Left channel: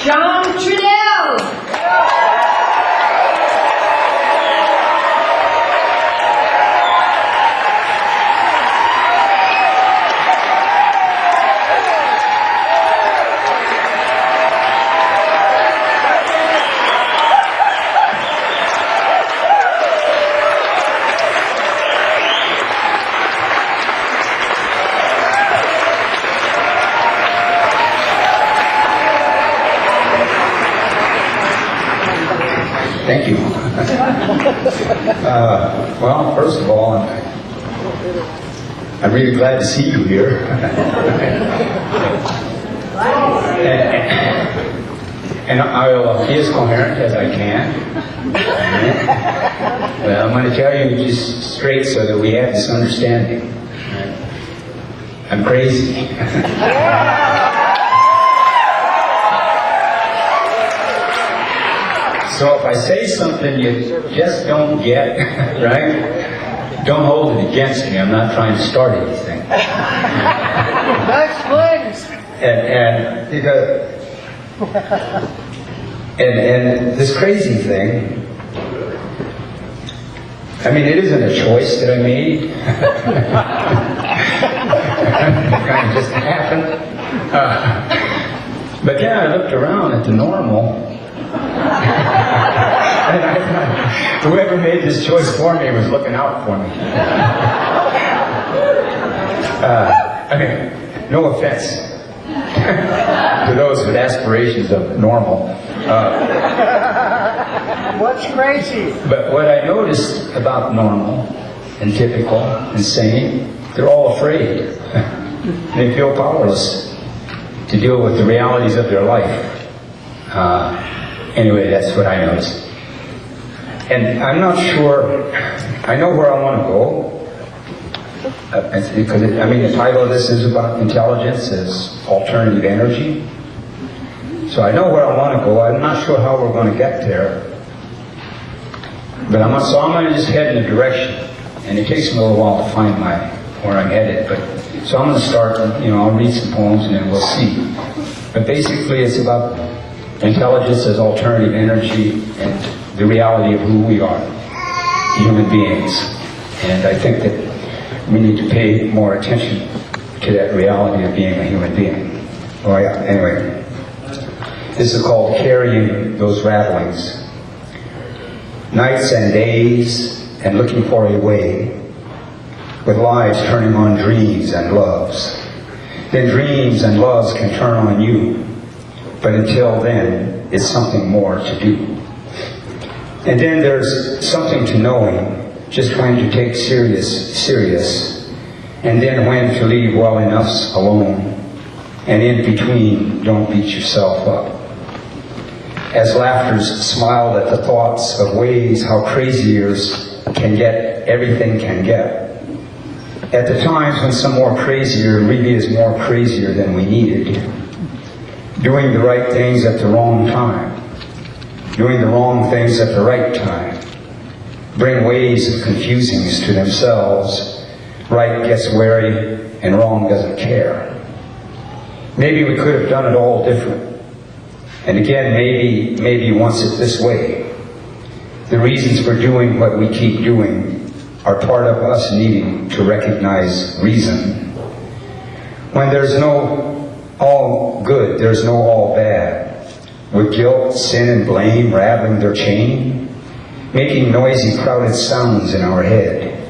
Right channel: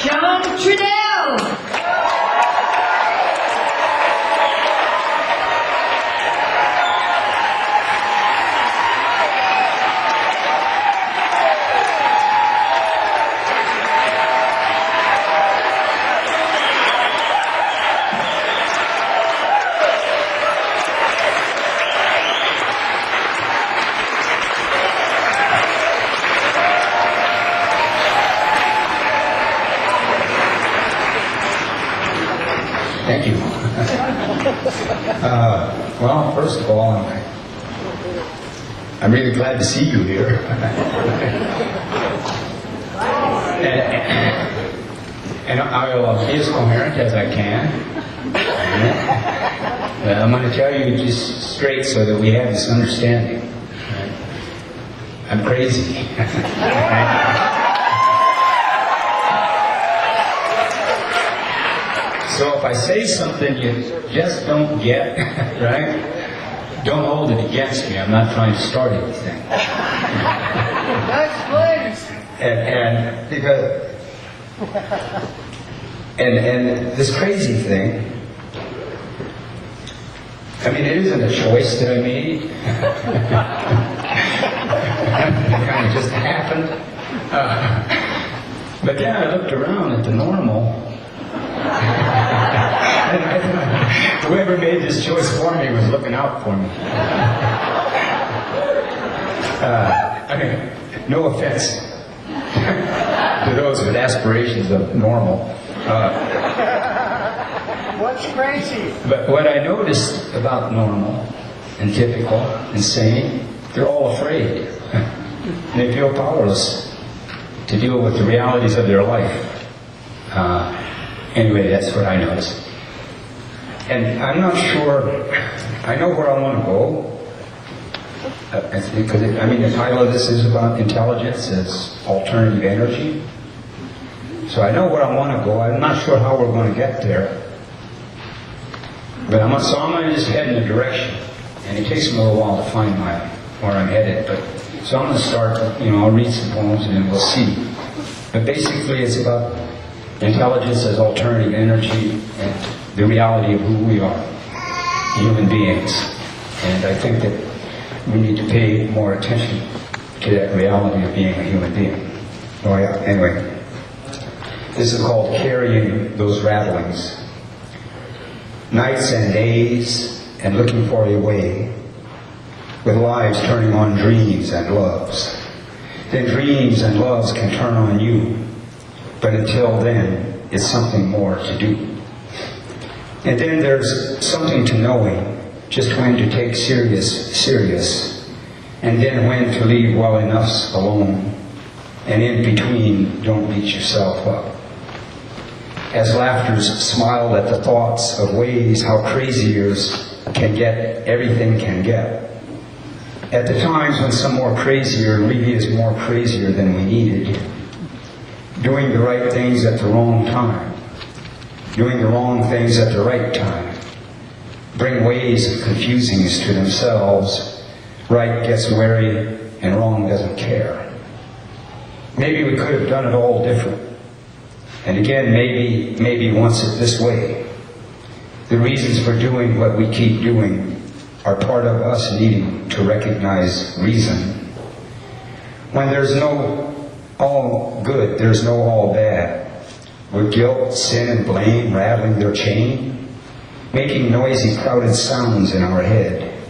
John Trudell. Thank you. Well, first of all, I'm really glad to see you here. and I'll be as coherent as I can. But I'm going to tell you just straight so that we have this understanding. I'm crazy. So if I say something you just don't get, right, don't hold it against me. I'm not trying to start anything. and because and this crazy thing, I mean, it isn't a choice that I made. It kind of just happened. But then I looked around at the normal. And I thought, whoever made this choice for me was looking out for me. I mean, no offense to those with aspirations of normal. What's crazy? But what I noticed about normal and typical and sane, they're all afraid. And they feel powerless to deal with the realities of their life. Anyway, that's what I noticed. And I'm not sure, I know where I want to go. Because, I mean, the title of this is about intelligence as alternative energy. So I know where I want to go. I'm not sure how we're going to get there. But I'm going to just head in a direction. And it takes me a little while to find where I'm headed. So I'm going to start, I'll read some poems and then we'll see. But basically it's about intelligence as alternative energy and the reality of who we are, human beings. And I think that we need to pay more attention to that reality of being a human being. Oh, yeah. Anyway, this is called Carrying Those Rattlings. Nights and days and looking for a way, with lives turning on dreams and loves. Then dreams and loves can turn on you. But until then, it's something more to do. And then there's something to knowing just when to take serious, and then when to leave well enough alone. And in between, don't beat yourself up. As laughters smile at the thoughts of ways how craziers can get everything can get. At the times when some more crazier really is more crazier than we needed. Doing the right things at the wrong time. Doing the wrong things at the right time. Bring ways of confusing us to themselves. Right gets wary and wrong doesn't care. Maybe we could have done it all different. And again, maybe wants it this way. The reasons for doing what we keep doing are part of us needing to recognize reason. When there's no all good, there's no all bad. With guilt, sin, and blame rattling their chain, making noisy, crowded sounds in our head,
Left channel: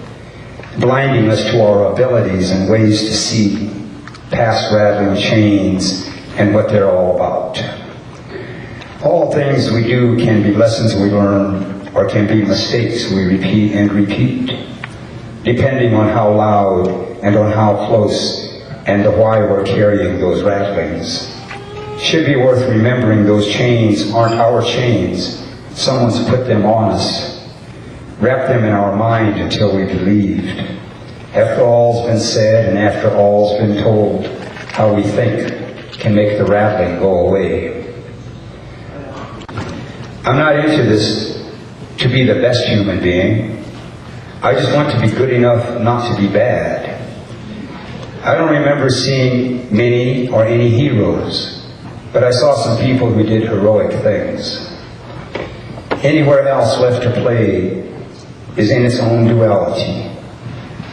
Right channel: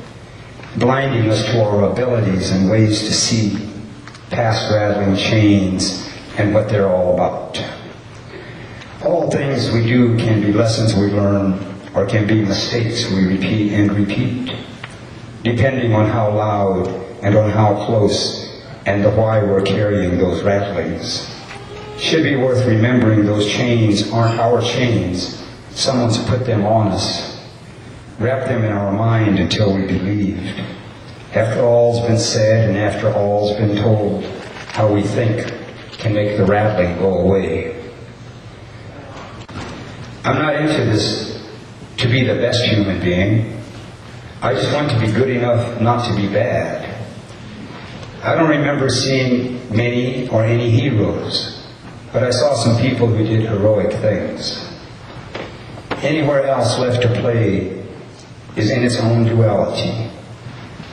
blinding us to our abilities and ways to see past rattling chains and what they're all about. All things we do can be lessons we learn or can be mistakes we repeat and repeat, depending on how loud and on how close and the why we're carrying those rattlings. Should be worth remembering those chains aren't our chains. Someone's put them on us, wrapped them in our mind until we believed. After all's been said and after all's been told, how we think can make the rattling go away. I'm not into this to be the best human being. I just want to be good enough not to be bad. I don't remember seeing many or any heroes. but I saw some people who did heroic things. Anywhere else left to play is in its own duality,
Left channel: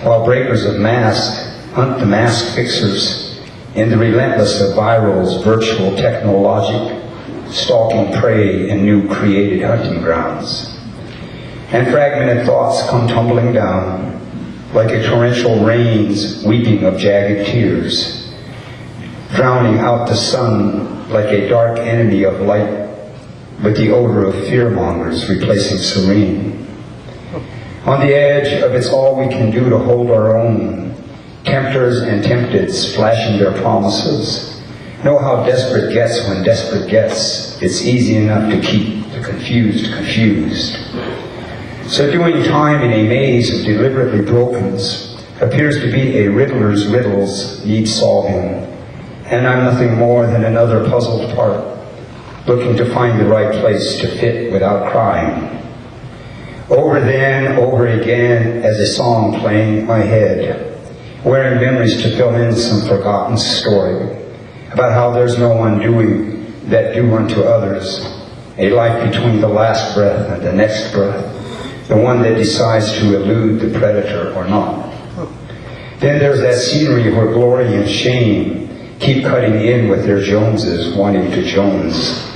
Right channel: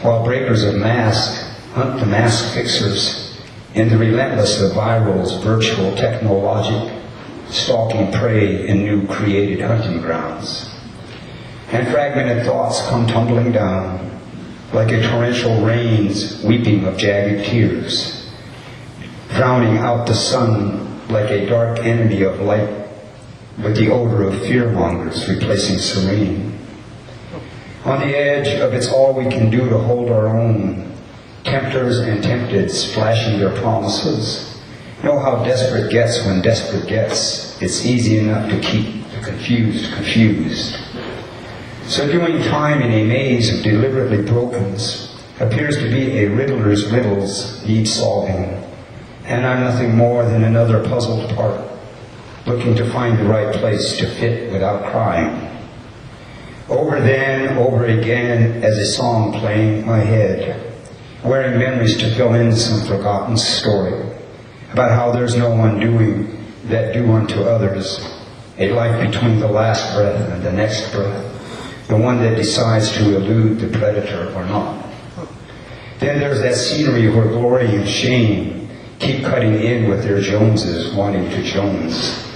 while breakers of masks hunt the mask fixers in the relentless of virals, virtual technologic, stalking prey in new created hunting grounds. And fragmented thoughts come tumbling down, like a torrential rain's weeping of jagged tears, drowning out the sun like a dark enemy of light, with the odor of fearmongers replacing serene. On the edge of it's all we can do to hold our own, tempters and tempteds flashing their promises know how desperate gets when desperate gets. It's easy enough to keep the confused. So doing time in a maze of deliberately brokens appears to be a riddler's riddles need solving, and I'm nothing more than another puzzled part, looking to find the right place to fit without crying. Over then, over again, as a song playing in my head, wearing memories to fill in some forgotten story about how there's no one doing that do unto others, a life between the last breath and the next breath, the one that decides to elude the predator or not. Then there's that scenery where glory and shame keep cutting in with their Joneses wanting to Jones,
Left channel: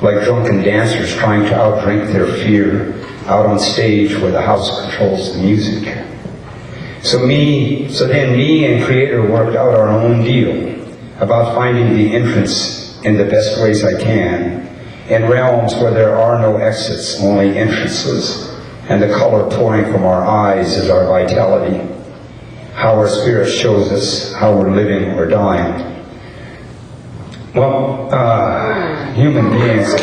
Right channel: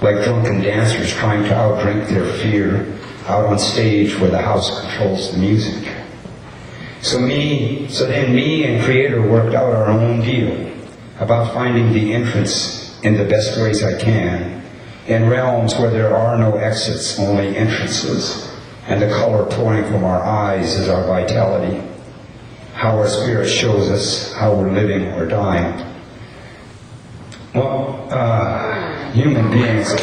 like drunken dancers trying to outdrink their fear out on stage where the house controls the music. So then me and Creator worked out our own deal about finding the entrance in the best ways I can, in realms where there are no exits, only entrances, and the color pouring from our eyes is our vitality, how our spirit shows us how we're living or dying. Well, human beings.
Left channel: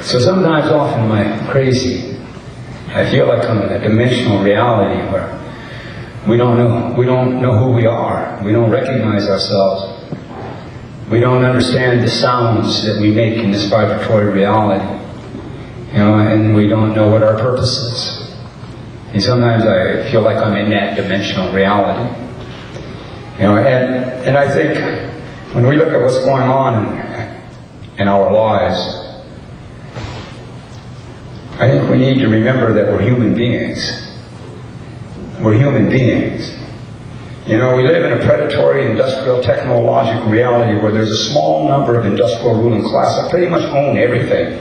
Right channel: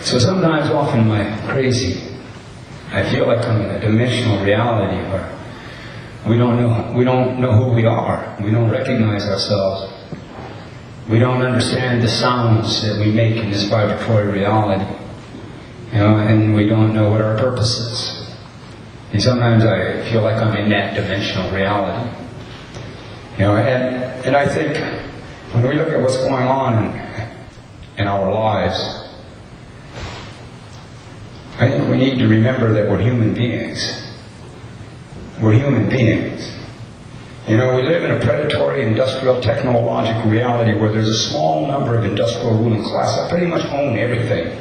So sometimes often when I'm crazy, I feel like I'm in a dimensional reality where we don't know who we are. We don't recognize ourselves. We don't understand the sounds that we make in this vibratory reality. And we don't know what our purpose is. And sometimes I feel like I'm in that dimensional reality. And I think when we look at what's going on in our lives, I think we need to remember that we're human beings. We're human beings. We live in a predatory, industrial, technological reality where there's a small number of industrial ruling class that pretty much own everything.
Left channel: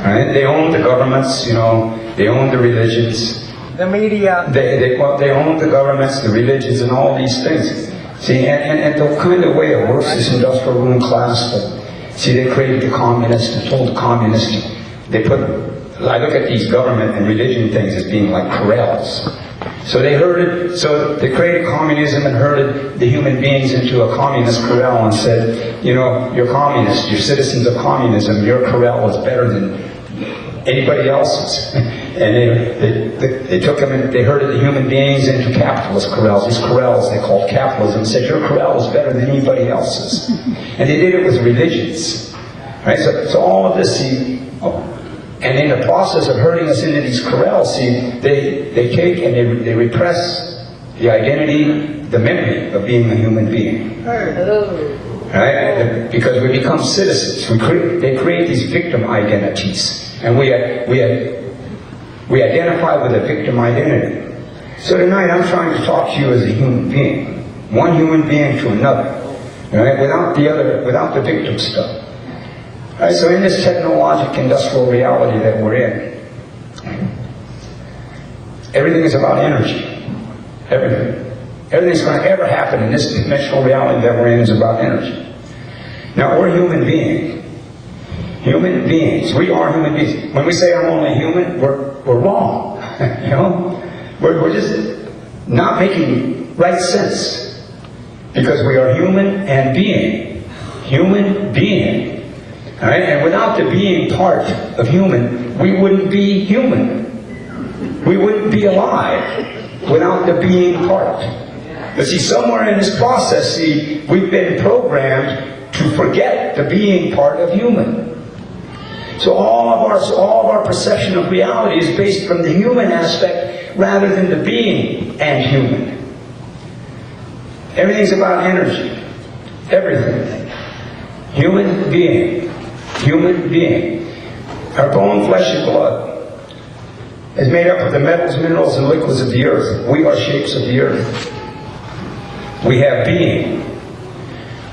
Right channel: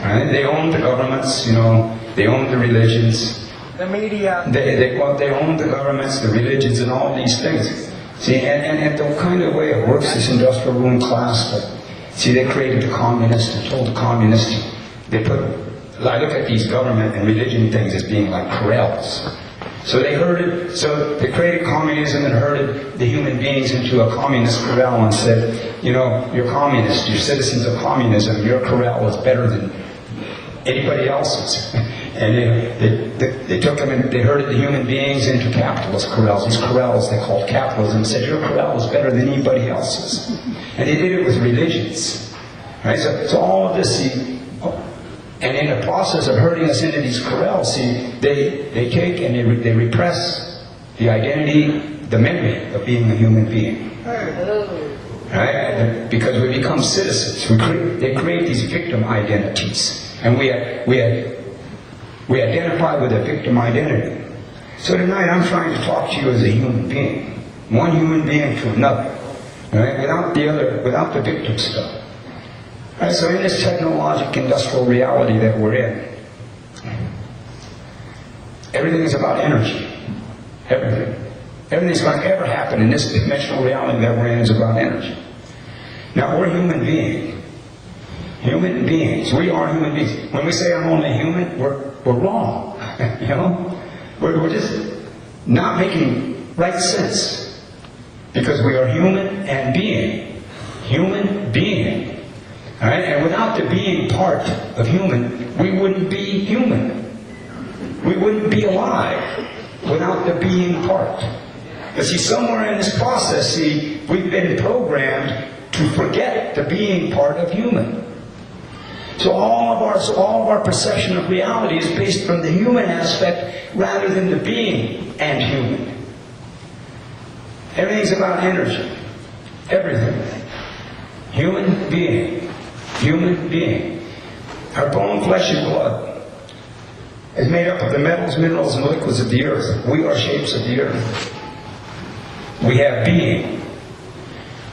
Right? They own the governments, they own the religions. The media. They own the governments, the religions, and all these things. See, and the kind of way it works, this industrial ruling class, they created the communists and told the communists, I look at these government and religion things as being like corrals. So they created communism and herded the human beings into a communist corral and said, you're communist, you're citizens of communism, your corral is better than anybody else's. And they took them and they herded the human beings into capitalist corrals. These corrals they called capitalism and said, your corral is better than anybody else's. And they did it with religions. Right? So all of this, and in the process of herding us into these corrals, they take and they repress the identity, the memory of being a human being. Right? Because we become citizens. They create these victim identities. And we identify with a victim identity. So tonight I'm trying to talk to you as a human being. One human being to another. Right? Without the victim stuff. Right, so in this technological industrial reality that we're in, everything's about energy. Everything's going to ever happen in this dimensional reality that we're in is about energy. Now we're human beings. Human beings. We are human beings. When we say I'm only human, we're wrong. We're just not making right sense. Because we are human and being. Human being. Right? And without the being part of human, we wouldn't be human. We wouldn't be alive without the being part. But see, somewhere in this process, we've been programmed to forget the being part of human. So all of our perception of reality is based from the human aspect rather than the being and human. Everything's about energy. Everything. Human being. Human being. Our bone, flesh, and blood is made up of the metals, minerals, and liquids of the earth. We are shapes of the earth. We have being.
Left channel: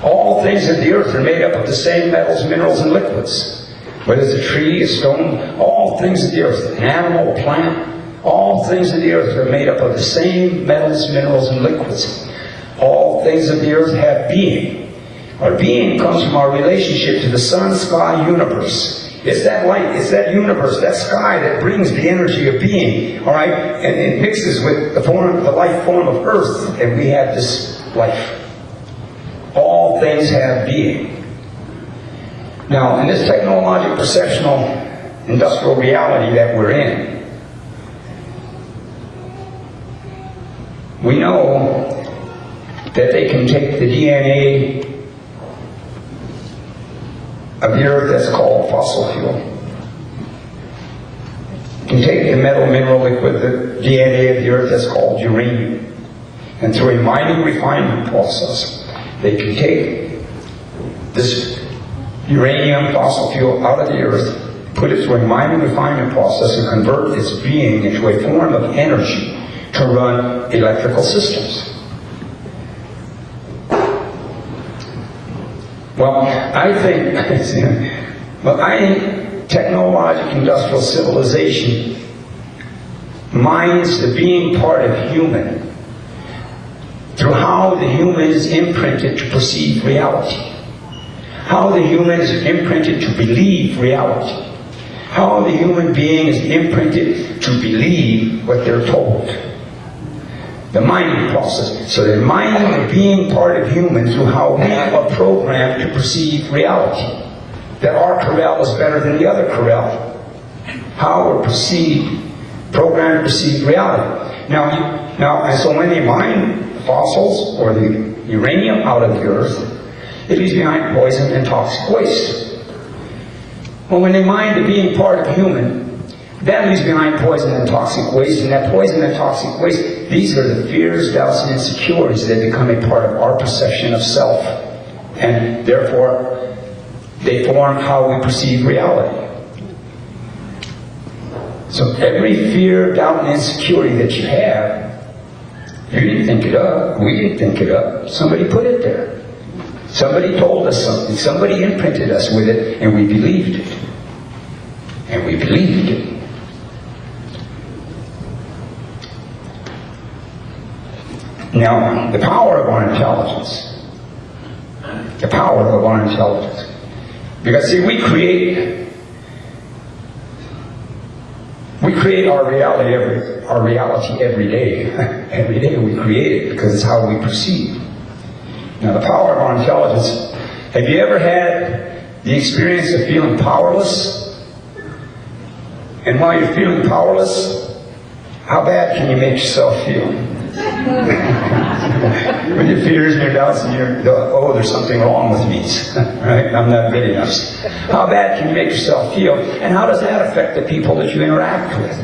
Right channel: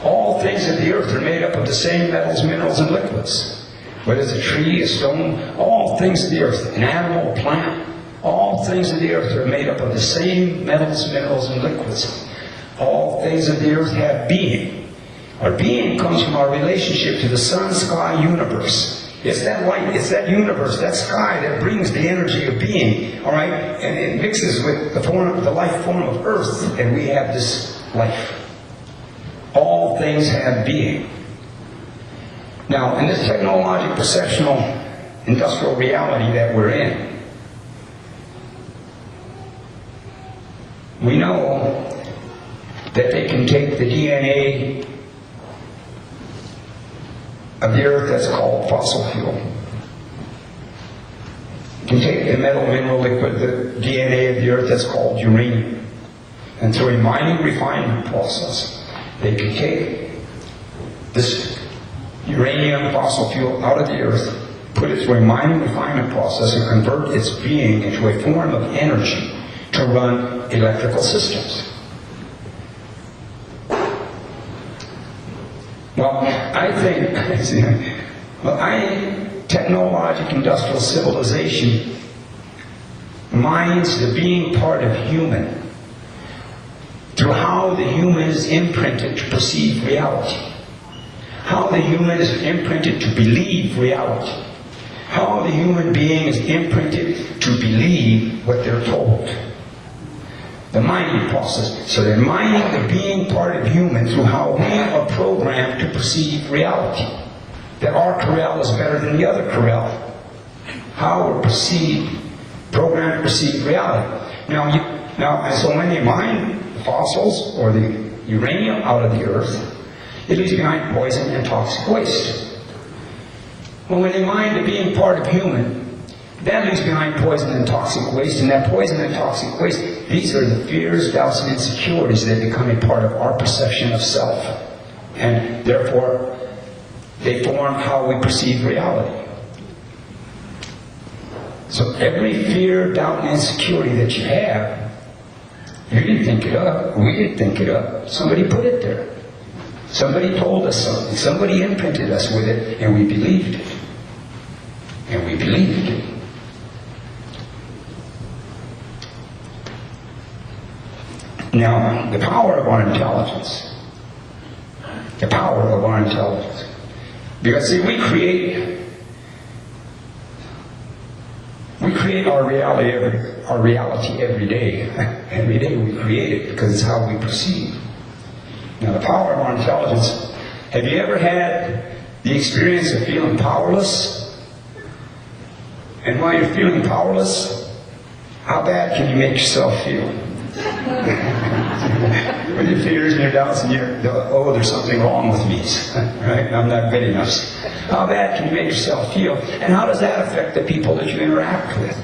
All things of the earth are made up of the same metals, minerals, and liquids. Whether it's a tree, a stone, all things of the earth, an animal, a plant, all things of the earth are made up of the same metals, minerals, and liquids. All things of the earth have being. Our being comes from our relationship to the sun, sky, universe. It's that light, it's that universe, that sky that brings the energy of being, all right? And it mixes with the life form of earth, and we have this life. All things have being. Now, in this technological, perceptional, industrial reality that we're in, we know that they can take the DNA of the earth that's called fossil fuel. You can take the metal, mineral, liquid, the DNA of the earth that's called uranium. And through a mining refinement process, they can take this uranium fossil fuel out of the earth, put it through a mining refinement process and convert its being into a form of energy to run electrical systems. Well, I think technological industrial civilization mines the being part of human through how the human is imprinted to perceive reality. How the human is imprinted to believe reality. How the human being is imprinted to believe what they're told. The mining process. So they're mining the being part of human through how we are programmed to perceive reality. That our corral is better than the other corral. How we're programmed to perceive reality. And so when they mine fossils or the uranium out of the earth, it leaves behind poison and toxic waste. Well, when they mine the being part of human, that leaves behind poison and toxic waste, and that poison and toxic waste, these are the fears, doubts, and insecurities that become a part of our perception of self. And therefore, they form how we perceive reality. So every fear, doubt, and insecurity that you have, you didn't think it up. We didn't think it up. Somebody put it there. Somebody told us something. Somebody imprinted us with it, and we believed it. And we believed it. Now, the power of our intelligence. The power of our intelligence. Because see, we create our reality every day. Every day we create it because it's how we perceive. Now, the power of our intelligence. Have you ever had the experience of feeling powerless? And while you're feeling powerless, how bad can you make yourself feel? With your fears and your doubts and you're like, oh, there's something wrong with me. Right? I'm not good enough. How bad can you make yourself feel? And how does that affect the people that you interact with?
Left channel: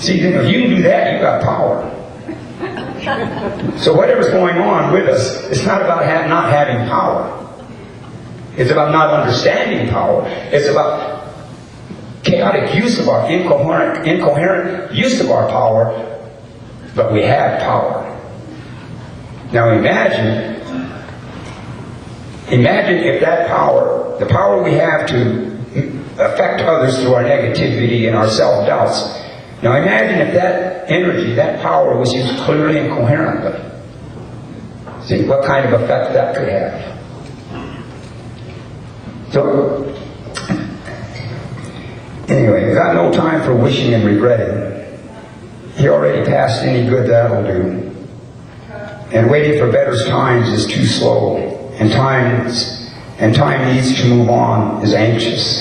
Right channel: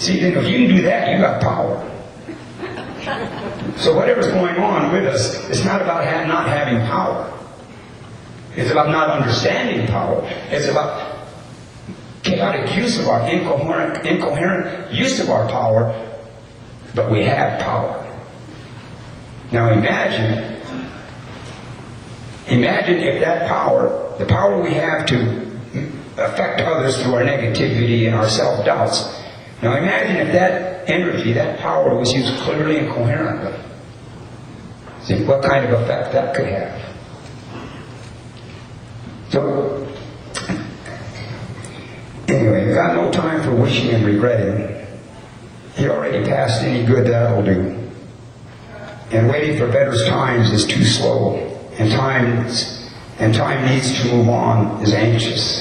See, if you can do that, you got power. So whatever's going on with us, it's not about not having power. It's about not understanding power. It's about chaotic use of our incoherent use of our power, but we have power. Now imagine if that power, the power we have to affect others through our negativity and our self-doubts, now imagine if that energy, that power was used clearly and coherently. See what kind of effect that could have. So, anyway, you got no time for wishing and regretting. You already passed any good that'll do. And waiting for better times is too slow. And time needs to move on is anxious.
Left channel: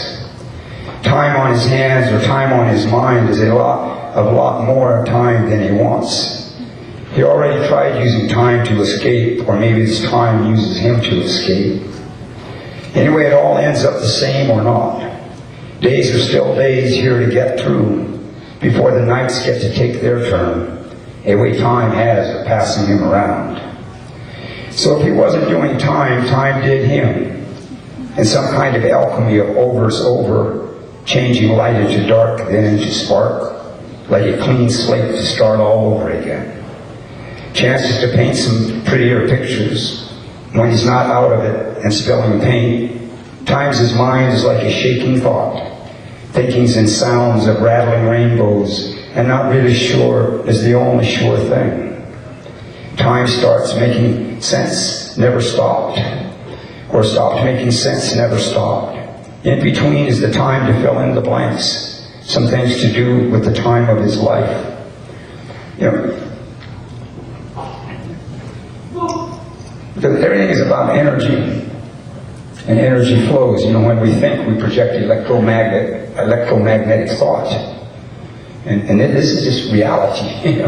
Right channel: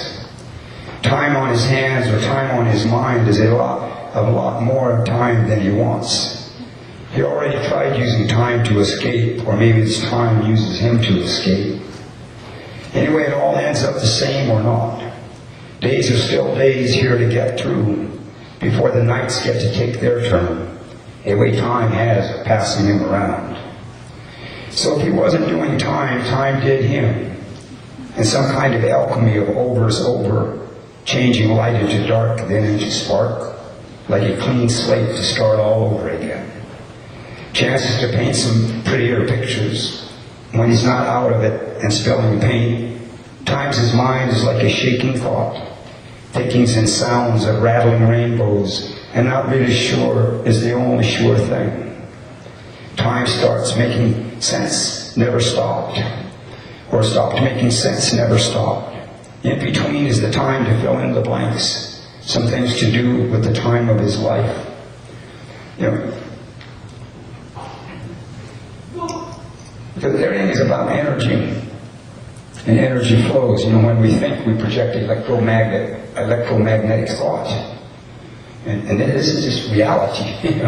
Time on his hands or time on his mind is a lot more time than he wants. He already tried using time to escape, or maybe it's time uses him to escape. Anyway, it all ends up the same or not. Days are still days here to get through before the nights get to take their turn, the way time has of passing him around. So if he wasn't doing time, time did him. And some kind of alchemy of overs over, changing light into dark, then into spark, like a clean slate to start all over again. Chances to paint some prettier pictures when he's not out of it and spilling paint. Times his mind is like a shaking thought, thinkings and sounds of rattling rainbows, and not really sure is the only sure thing. Time starts making sense, never stopped. Or stopped making sense, never stopped. In between is the time to fill in the blanks, some things to do with the time of his life. Because everything is about energy, and energy flows. When we think, we project electromagnetic thought. And this is just reality,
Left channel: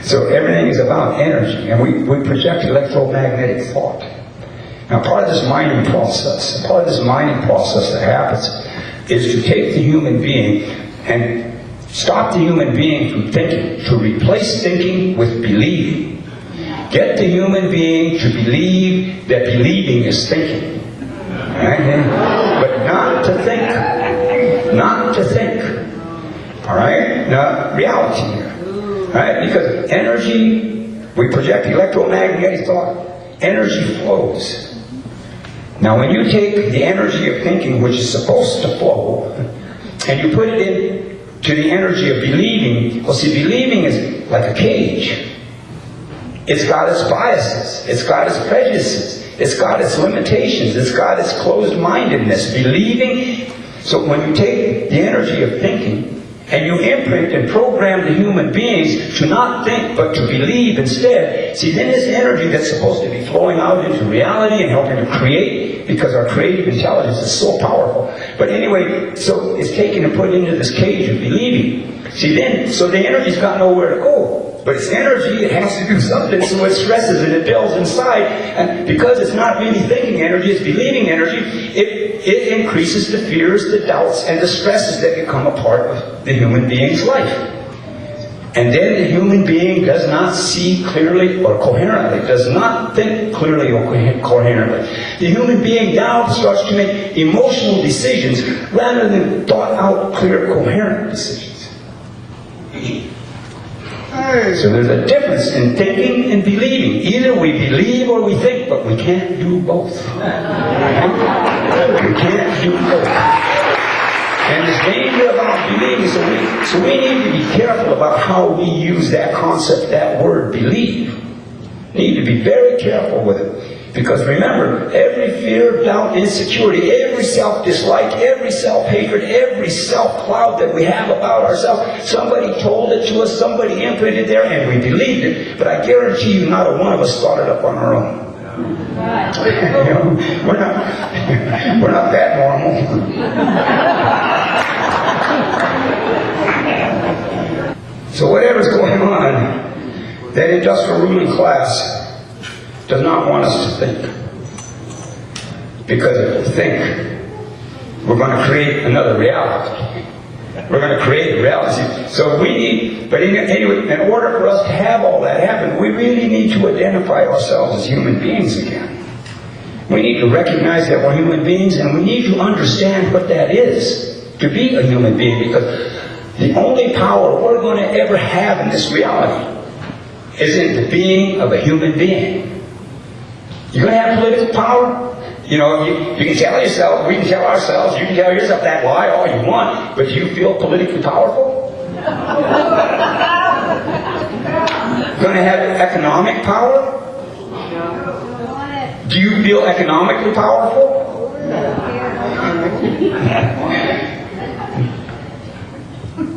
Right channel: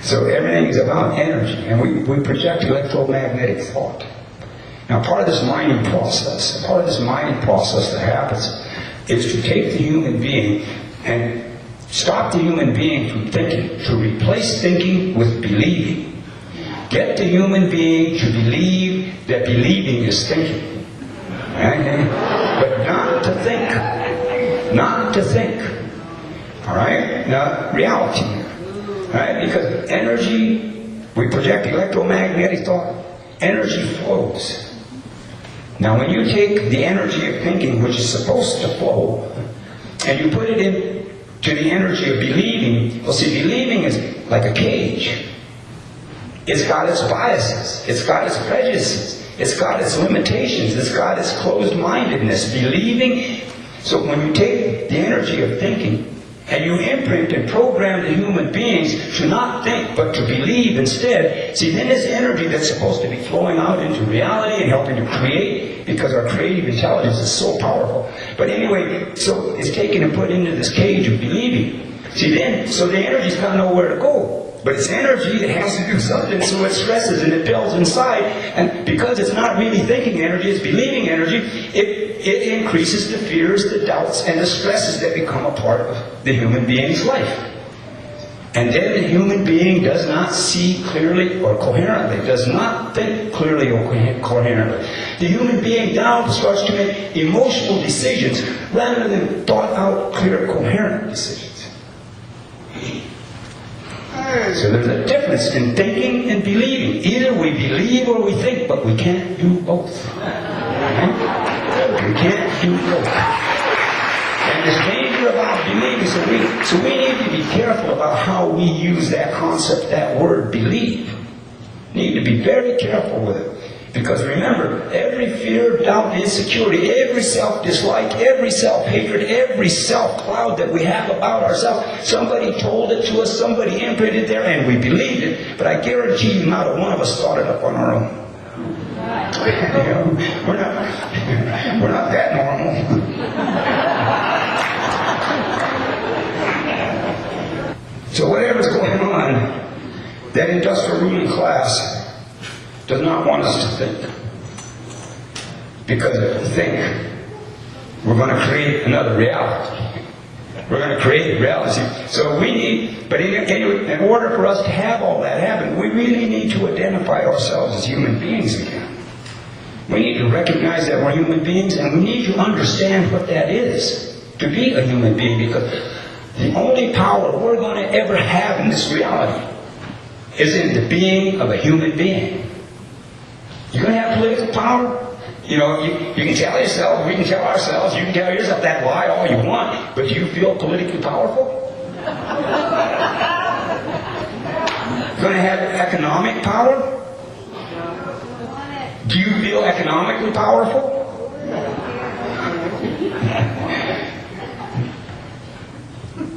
So everything is about energy, and we project electromagnetic thought. Now, part of this mining process that happens is to take the human being and stop the human being from thinking, to replace thinking with believing. Get the human being to believe that believing is thinking. Okay? But not to think. Not to think. All right? Now, reality. All right? Because energy, we project electromagnetic thought. Energy flows. Now, when you take the energy of thinking, which is supposed to flow, and you put it into the energy of believing, well, see, believing is like a cage. It's got its biases. It's got its prejudices. It's got its limitations. It's got its closed-mindedness. Believing, so when you take the energy of thinking, and you imprint and program the human beings to not think but to believe instead, see, then this energy that's supposed to be flowing out into reality and helping to create, because our creative intelligence is so powerful. But anyway, so it's taken and put into this cage of believing. See, then, so the energy's got nowhere to go. But it's energy, it has to do something, so it stresses and it builds inside. And because it's not really thinking energy, it's believing energy, it increases the fears, the doubts, and the stresses that become a part of the human being's life. And then the human being does not see clearly or coherently, does not think clearly or coherently. The human being now starts to make emotional decisions rather than thought out, clear, coherent decisions. So there's a difference in thinking and believing. Either we believe or we think, but we can't do both. Right? We can't do both. And the danger about believing, so we need to be careful about how we use that concept, that word believe. Need to be very careful with it. Because remember, every fear, doubt, insecurity, every self-dislike, every self-hatred, every self-cloud that we have about ourselves, somebody told it to us, somebody imprinted there, and we believed it. But I guarantee you, not a one of us thought it up on our own. We're not that normal. So whatever's going on, that industrial ruling class does not want us to think. Because if we think, we're going to create another reality. We're going to create a reality. So we need, but in order for us to have all that happen, we really need to identify ourselves as human beings again. We need to recognize that we're human beings, and we need to understand what that is, to be a human being, because the only power we're going to ever have in this reality is in the being of a human being. You're going to have political power. You can tell yourself, we can tell ourselves, you can tell yourself that lie all you want, but do you feel politically powerful? You're going to have economic power? Do you feel economically powerful?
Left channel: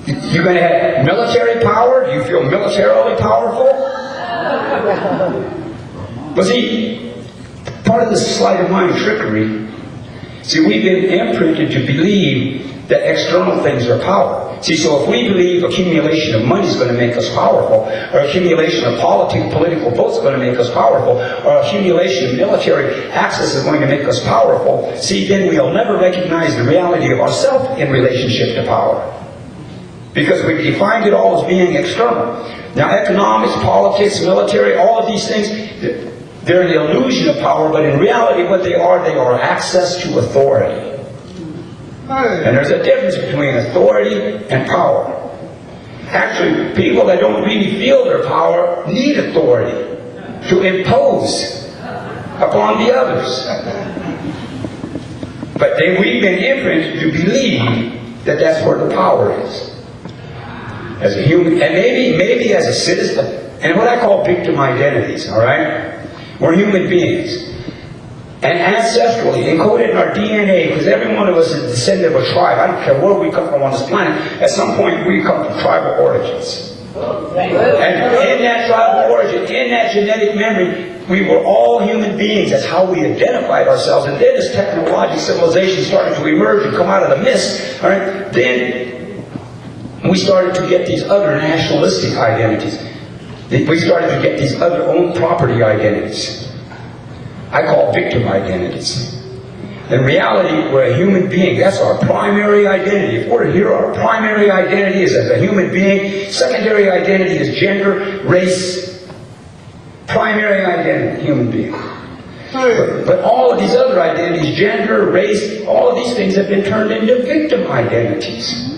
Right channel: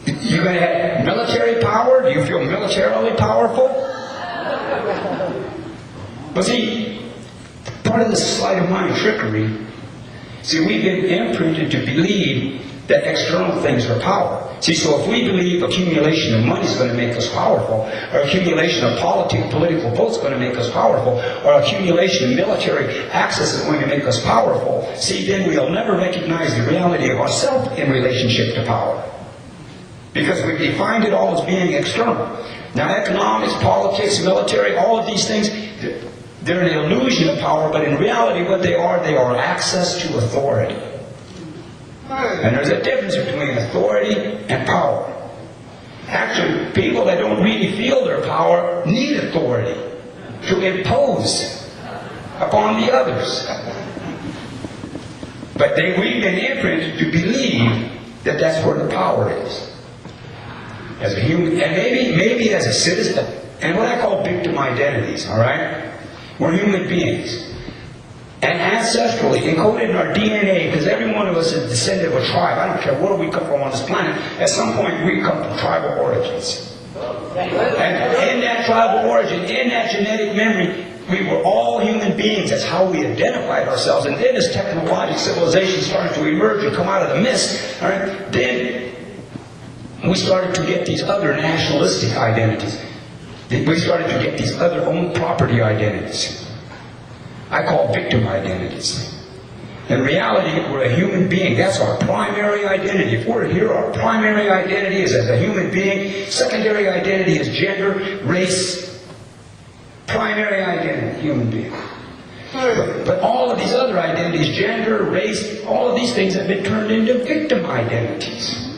You're going to have military power? Do you feel militarily powerful? But see, part of the sleight of mind trickery, see, we've been imprinted to believe that external things are power. See, so if we believe accumulation of money is going to make us powerful, or accumulation of political votes is going to make us powerful, or accumulation of military access is going to make us powerful, see, then we'll never recognize the reality of ourselves in relationship to power. Because we defined it all as being external. Now, economics, politics, military, all of these things, they're an illusion of power, but in reality what they are access to authority. And there's a difference between authority and power. Actually, people that don't really feel their power need authority to impose upon the others. But then we've been imprinted to believe that that's where the power is. As a human, and maybe as a citizen, and what I call victim identities, all right? We're human beings. And ancestrally, encoded in our DNA, because every one of us is a descendant of a tribe. I don't care where we come from on this planet. At some point, we come from tribal origins. And in that tribal origin, in that genetic memory, we were all human beings. That's how we identified ourselves. And then as technological civilization started to emerge and come out of the mist, all right, then we started to get these other nationalistic identities. We started to get these other own property identities. I call victim identities. In reality, we're a human being. That's our primary identity. If we're here, our primary identity is as a human being. Secondary identity is gender, race. Primary identity, human being. But all of these other identities, gender, race, all of these things have been turned into victim identities.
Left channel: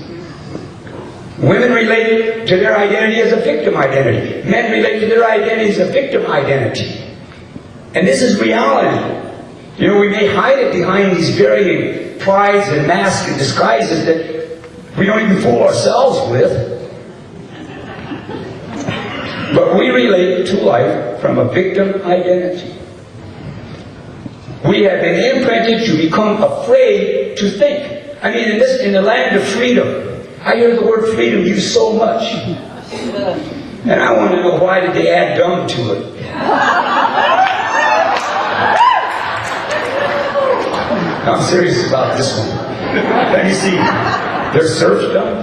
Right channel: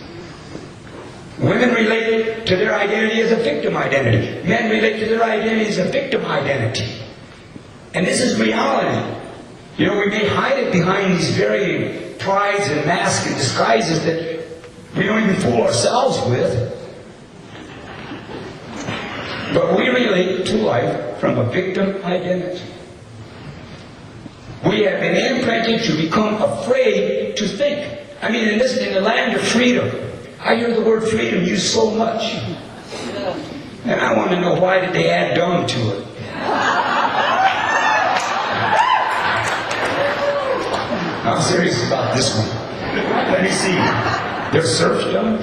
Women relate to their identity as a victim identity. Men relate to their identity as a victim identity. And this is reality. You know, we may hide it behind these varying prides and masks and disguises that we don't even fool ourselves with. But we relate to life from a victim identity. We have been imprinted to become afraid to think. I mean, in the land of freedom, I hear the word freedom used so much. And I want to know, why did they add dumb to it? I'm serious about this one. Let me see. There's serfdom,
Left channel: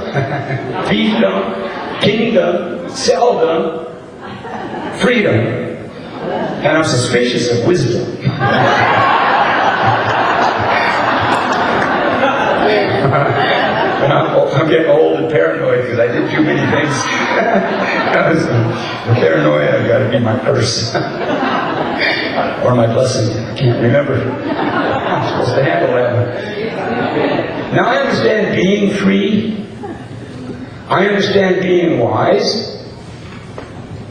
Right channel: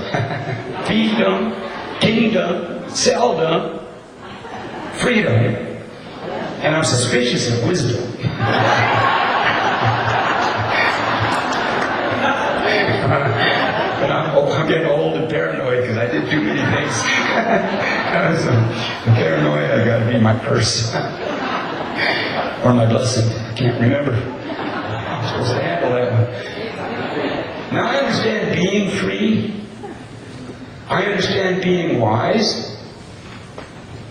fiefdom, kingdom, selldom, freedom, and I'm suspicious of wisdom. I'm getting old and paranoid because I did too many things. So, the paranoia, I've got to be my curse. Or my blessing. I can't remember. I'm supposed to handle that one. Now I understand being free. I understand being wise.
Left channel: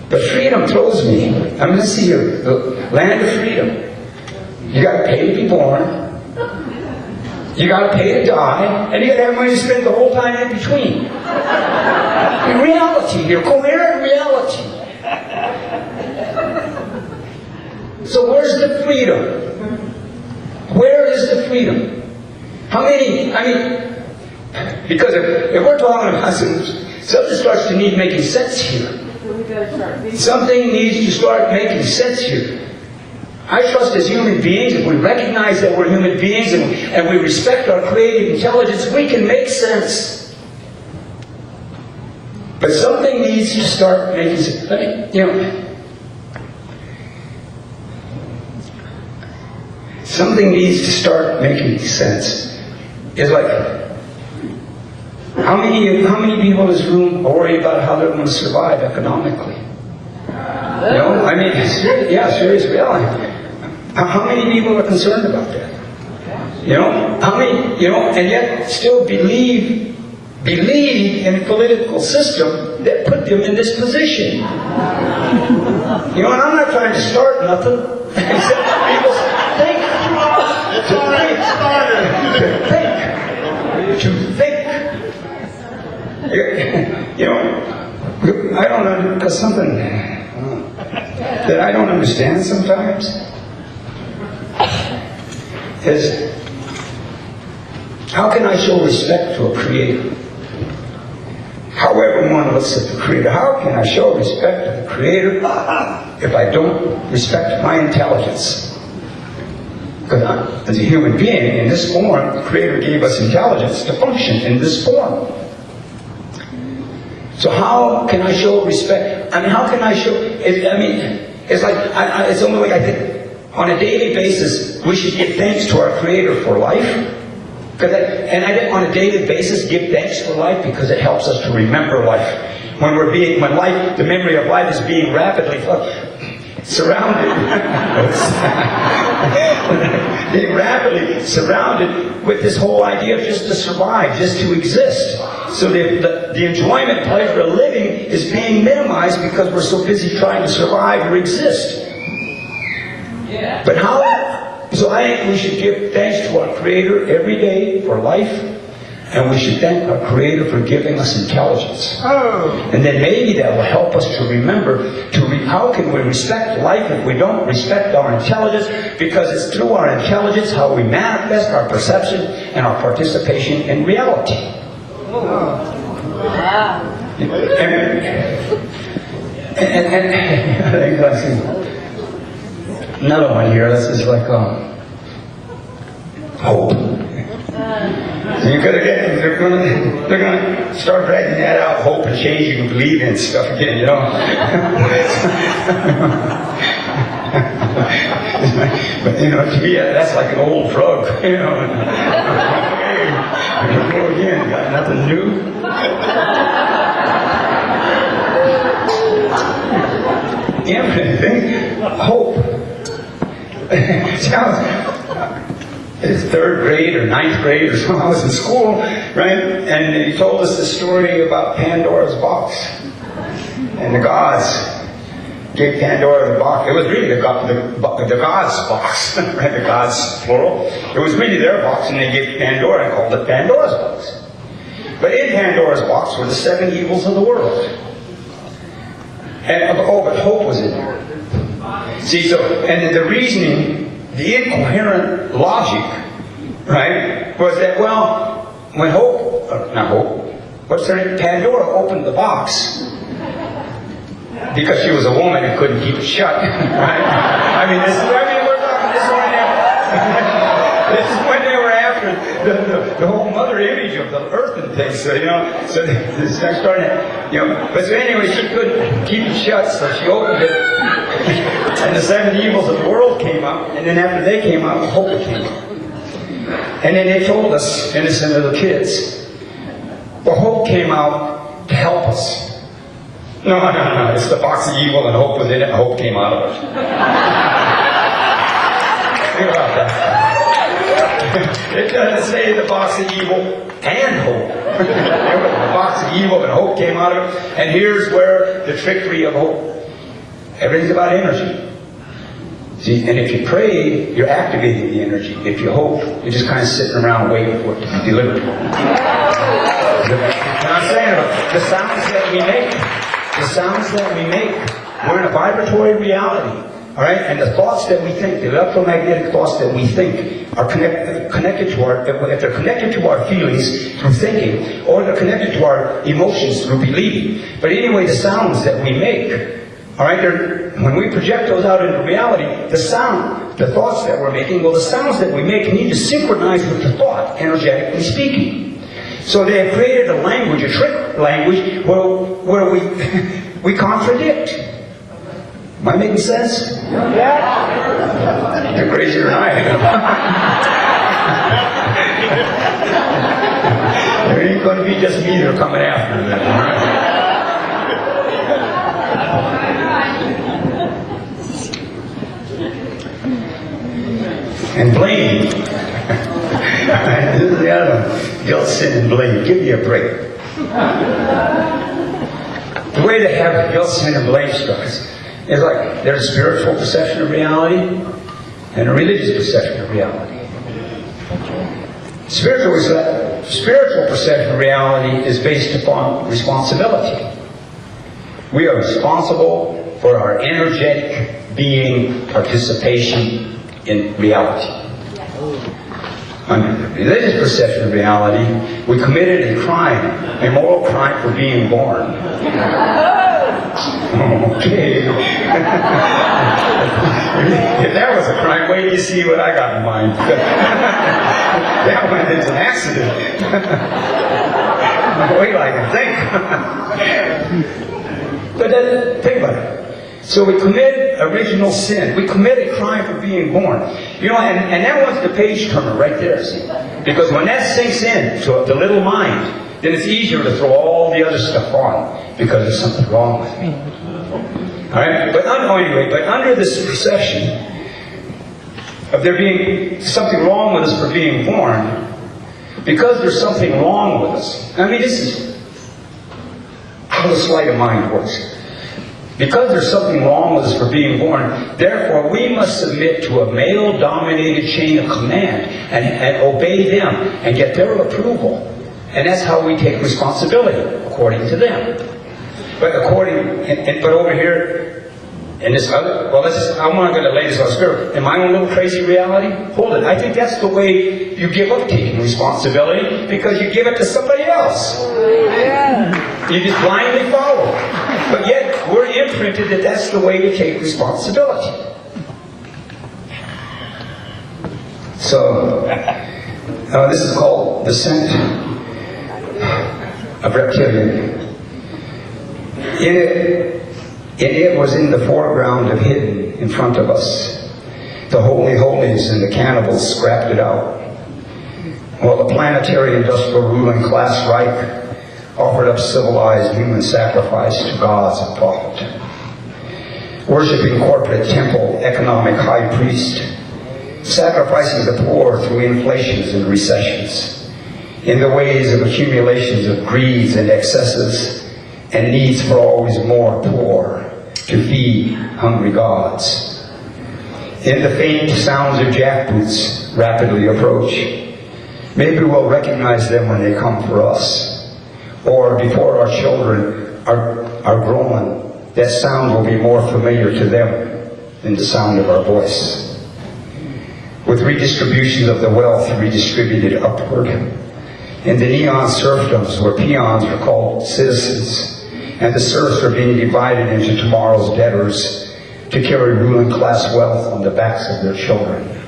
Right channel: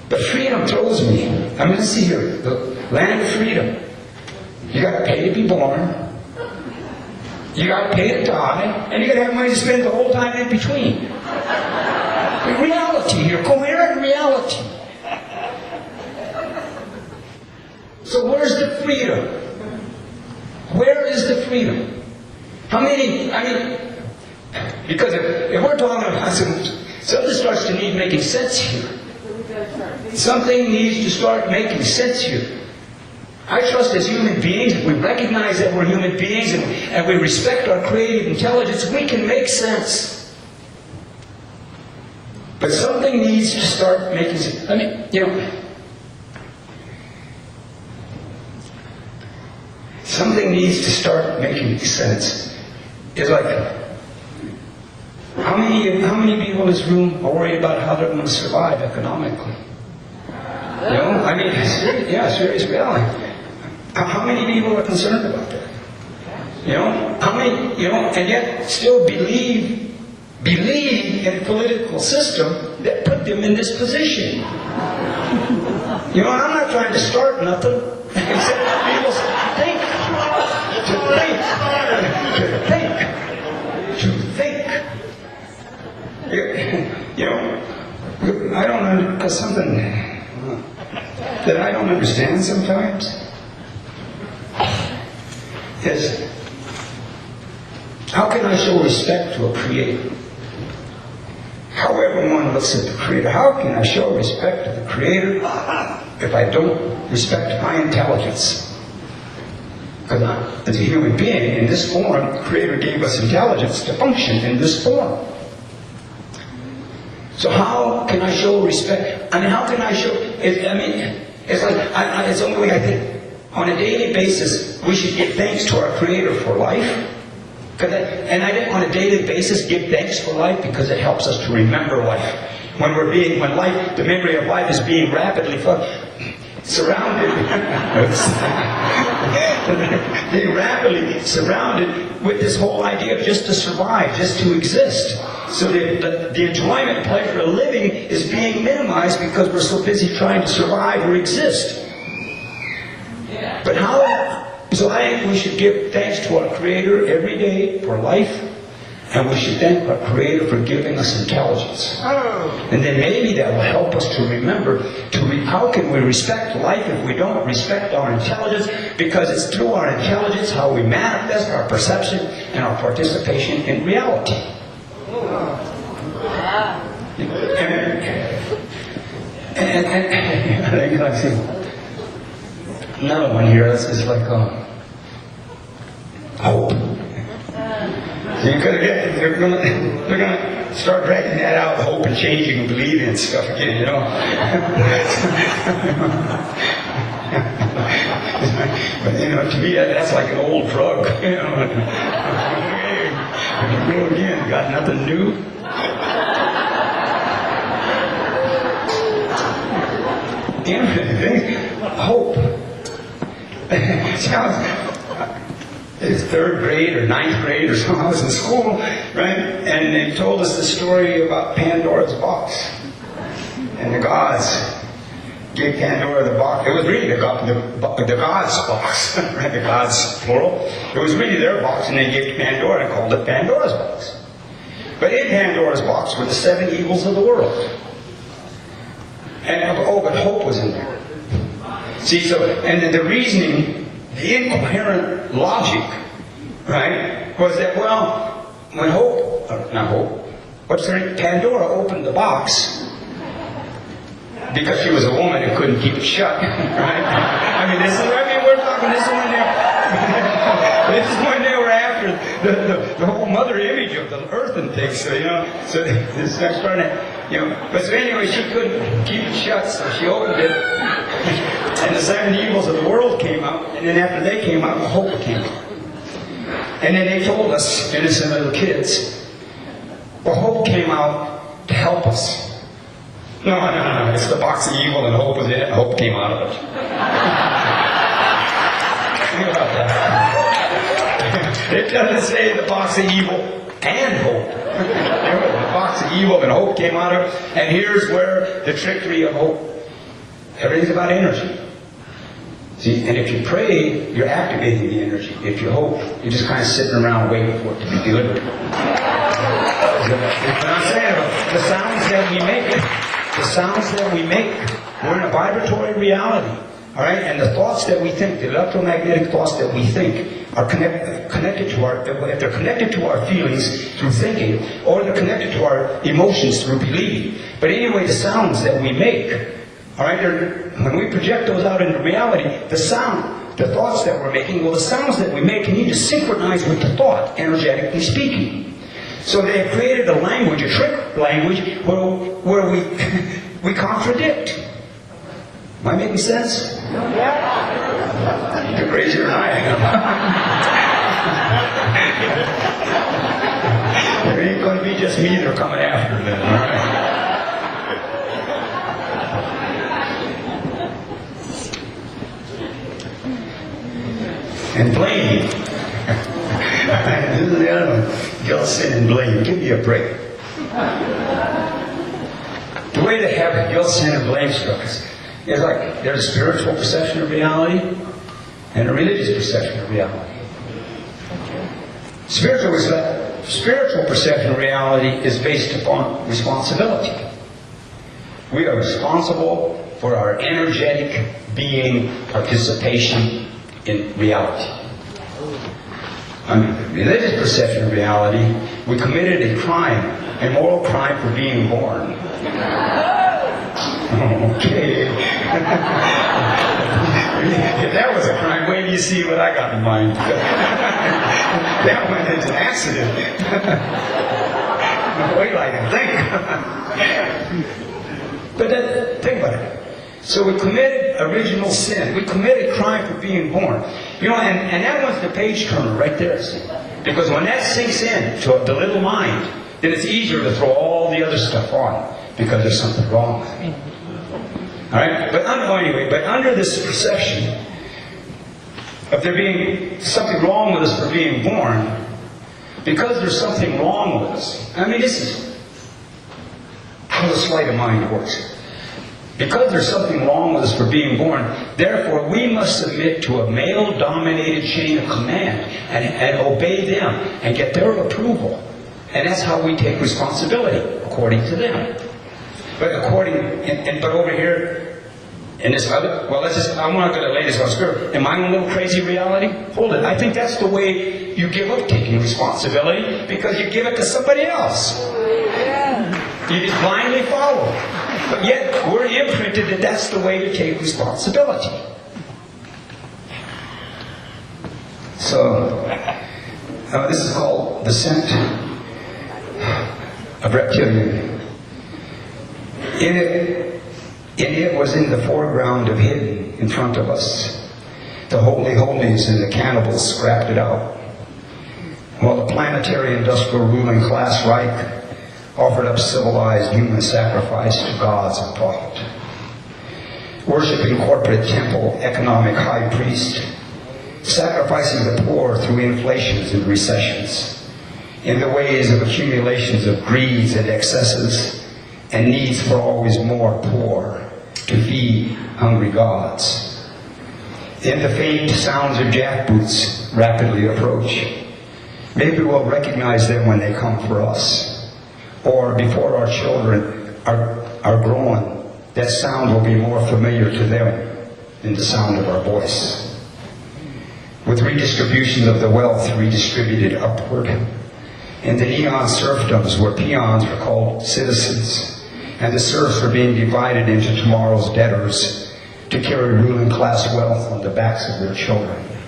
But freedom throws me. I mean, let's see here. The land of freedom. You got to pay to be born. You got to pay to die, and you got to have money to spend the whole time in between. Reality here, coherent reality. So where's the freedom? Where is the freedom? How many? I mean, because if we're talking about something starts to need making sense here. Something needs to start making sense here. I trust as human beings, if we recognize that we're human beings and we respect our creative intelligence, we can make sense. But something needs to start making sense. I mean, you know, something needs to start making sense. It's like, how many people in this room are worried about how they're going to survive economically? No, I mean, serious reality. How many people are concerned about that? You know, how many, you know, and yet still believe in a political system that put them in this position. You know, and I'm not trying to start nothing, except people think. To think. You know, I don't know, because something that I don't understand sometimes is, how can I show respect to a creator? However one looks at the creator, how can I show respect to the creator if I don't respect my intelligence? Because as a human being, in this form, the Creator gave us intelligence to function in this form. So how can I show respect? I mean, how can I show? It's like it's the only way I think. On a daily basis, we should give thanks to our Creator for life. On a daily basis, give thanks for life because it helps us to remember life. When the memory of life is being rapidly surrounded, being rapidly surrounded with this whole idea of just to survive, just to exist. So the enjoyment, pleasure of living is being minimized because we're so busy trying to survive or exist. But so I think we should give thanks to our Creator every day for life, and we should thank our Creator for giving us intelligence. And then maybe that will help us to remember how can we respect life if we don't respect our intelligence? Because it's through our intelligence how we manifest our perception and our participation in reality. Another one here. This is like hope. So they're gonna start dragging that out, hope and changing and believing and stuff again, you know. But to me that's like an old drug, you know. Hey, I'm gonna go again. Got nothing new. Hope. Sounds it's third grade or ninth grade or so. I was in school, right? And they told us the story about Pandora's box. And the gods gave Pandora the box. It was really the gods' box, right? The gods, plural. It was really their box, and they gave Pandora and called it Pandora's box. But in Pandora's box were the 7 evils of the world. But hope was in there. See, and the reasoning, the incoherent logic, right, was that, when Pandora opened the box, because she was a woman and couldn't keep it shut, right? This is when they were after the whole mother image of the earth and things, so they're starting to, but so anyway, she couldn't keep it shut, so she opened it. And the 7 evils of the world came out, and then after they came out, hope came out. And then they told us, innocent little kids, hope came out to help us. No, it's the box of evil and hope was in it, and hope came out of it. Think about that. It doesn't say the box of evil and hope. The box of evil and hope came out of it, and here's where the trickery of hope. Everything's about energy. See, and if you pray, you're activating the energy. If you hope, you're just kind of sitting around waiting for it to be delivered. What I'm saying about the sounds that we make, we're in a vibratory reality. All right, and the thoughts that we think, the electromagnetic thoughts that we think, are connected to if they're connected to our feelings through thinking, or they're connected to our emotions through believing. But anyway, the sounds that we make. All right, when we project those out into reality, the thoughts that we're making, the sounds that we make need to synchronize with the thought, energetically speaking. So they have created a language, a trick language, where we contradict. Am I making sense? You're crazier than I am. There ain't going to be just me they're coming after then, all right? And blame. This is the other one. Guilt, sin, and blame. Give me a break. The way they have guilt, sin, and blame structures is like there's a spiritual perception of reality and a religious perception of reality. Spiritual perception of reality is based upon responsibility. We are responsible for our energetic being participation in reality. Under the religious perception of reality, we committed a crime, a moral crime for being born. Okay. If that was a crime, wait till you see what I got in mind. That one is an accident. Wait, I can think. But think about it. So we committed original sin. We committed crime for being born. You know, and that one's the page turner right there. See? Because when that sinks in to the little mind, then it's easier to throw all the other stuff on because there's something wrong with me. All right? But anyway, but under this perception of there being something wrong with us for being born, because there's something wrong with us. I mean, this is how the sleight of mind works. Because there's something wrong with us for being born, therefore we must submit to a male-dominated chain of command and obey them and get their approval. And that's how we take responsibility, according to them. But but over here, in this other, I'm not going to lay this on spirit. In my own little crazy reality, hold it. I think that's the way you give up taking responsibility, because you give it to somebody else. You just blindly follow. But yet, we're imprinted that that's the way to take responsibility. So, this is called the scent of reptilian. It was in the foreground of hidden in front of us. The holy holies and the cannibals scrapped it out. While the planetary industrial ruling class Reich offered up civilized human sacrifice to gods of profit. Worshipping corporate temple economic high priest, sacrificing the poor through inflations and recessions, in the ways of accumulations of greeds and excesses, and needs for always more poor to feed hungry gods. In the faint sounds of jackboots rapidly approach, maybe we'll recognize them when they come for us. Or before our children are grown, that sound will be more familiar to them than the sound of our voice. With redistributions of the wealth redistributed upward, in the neon serfdoms where peons are called citizens, and the serfs are being divided into tomorrow's debtors to carry ruling class wealth on the backs of their children.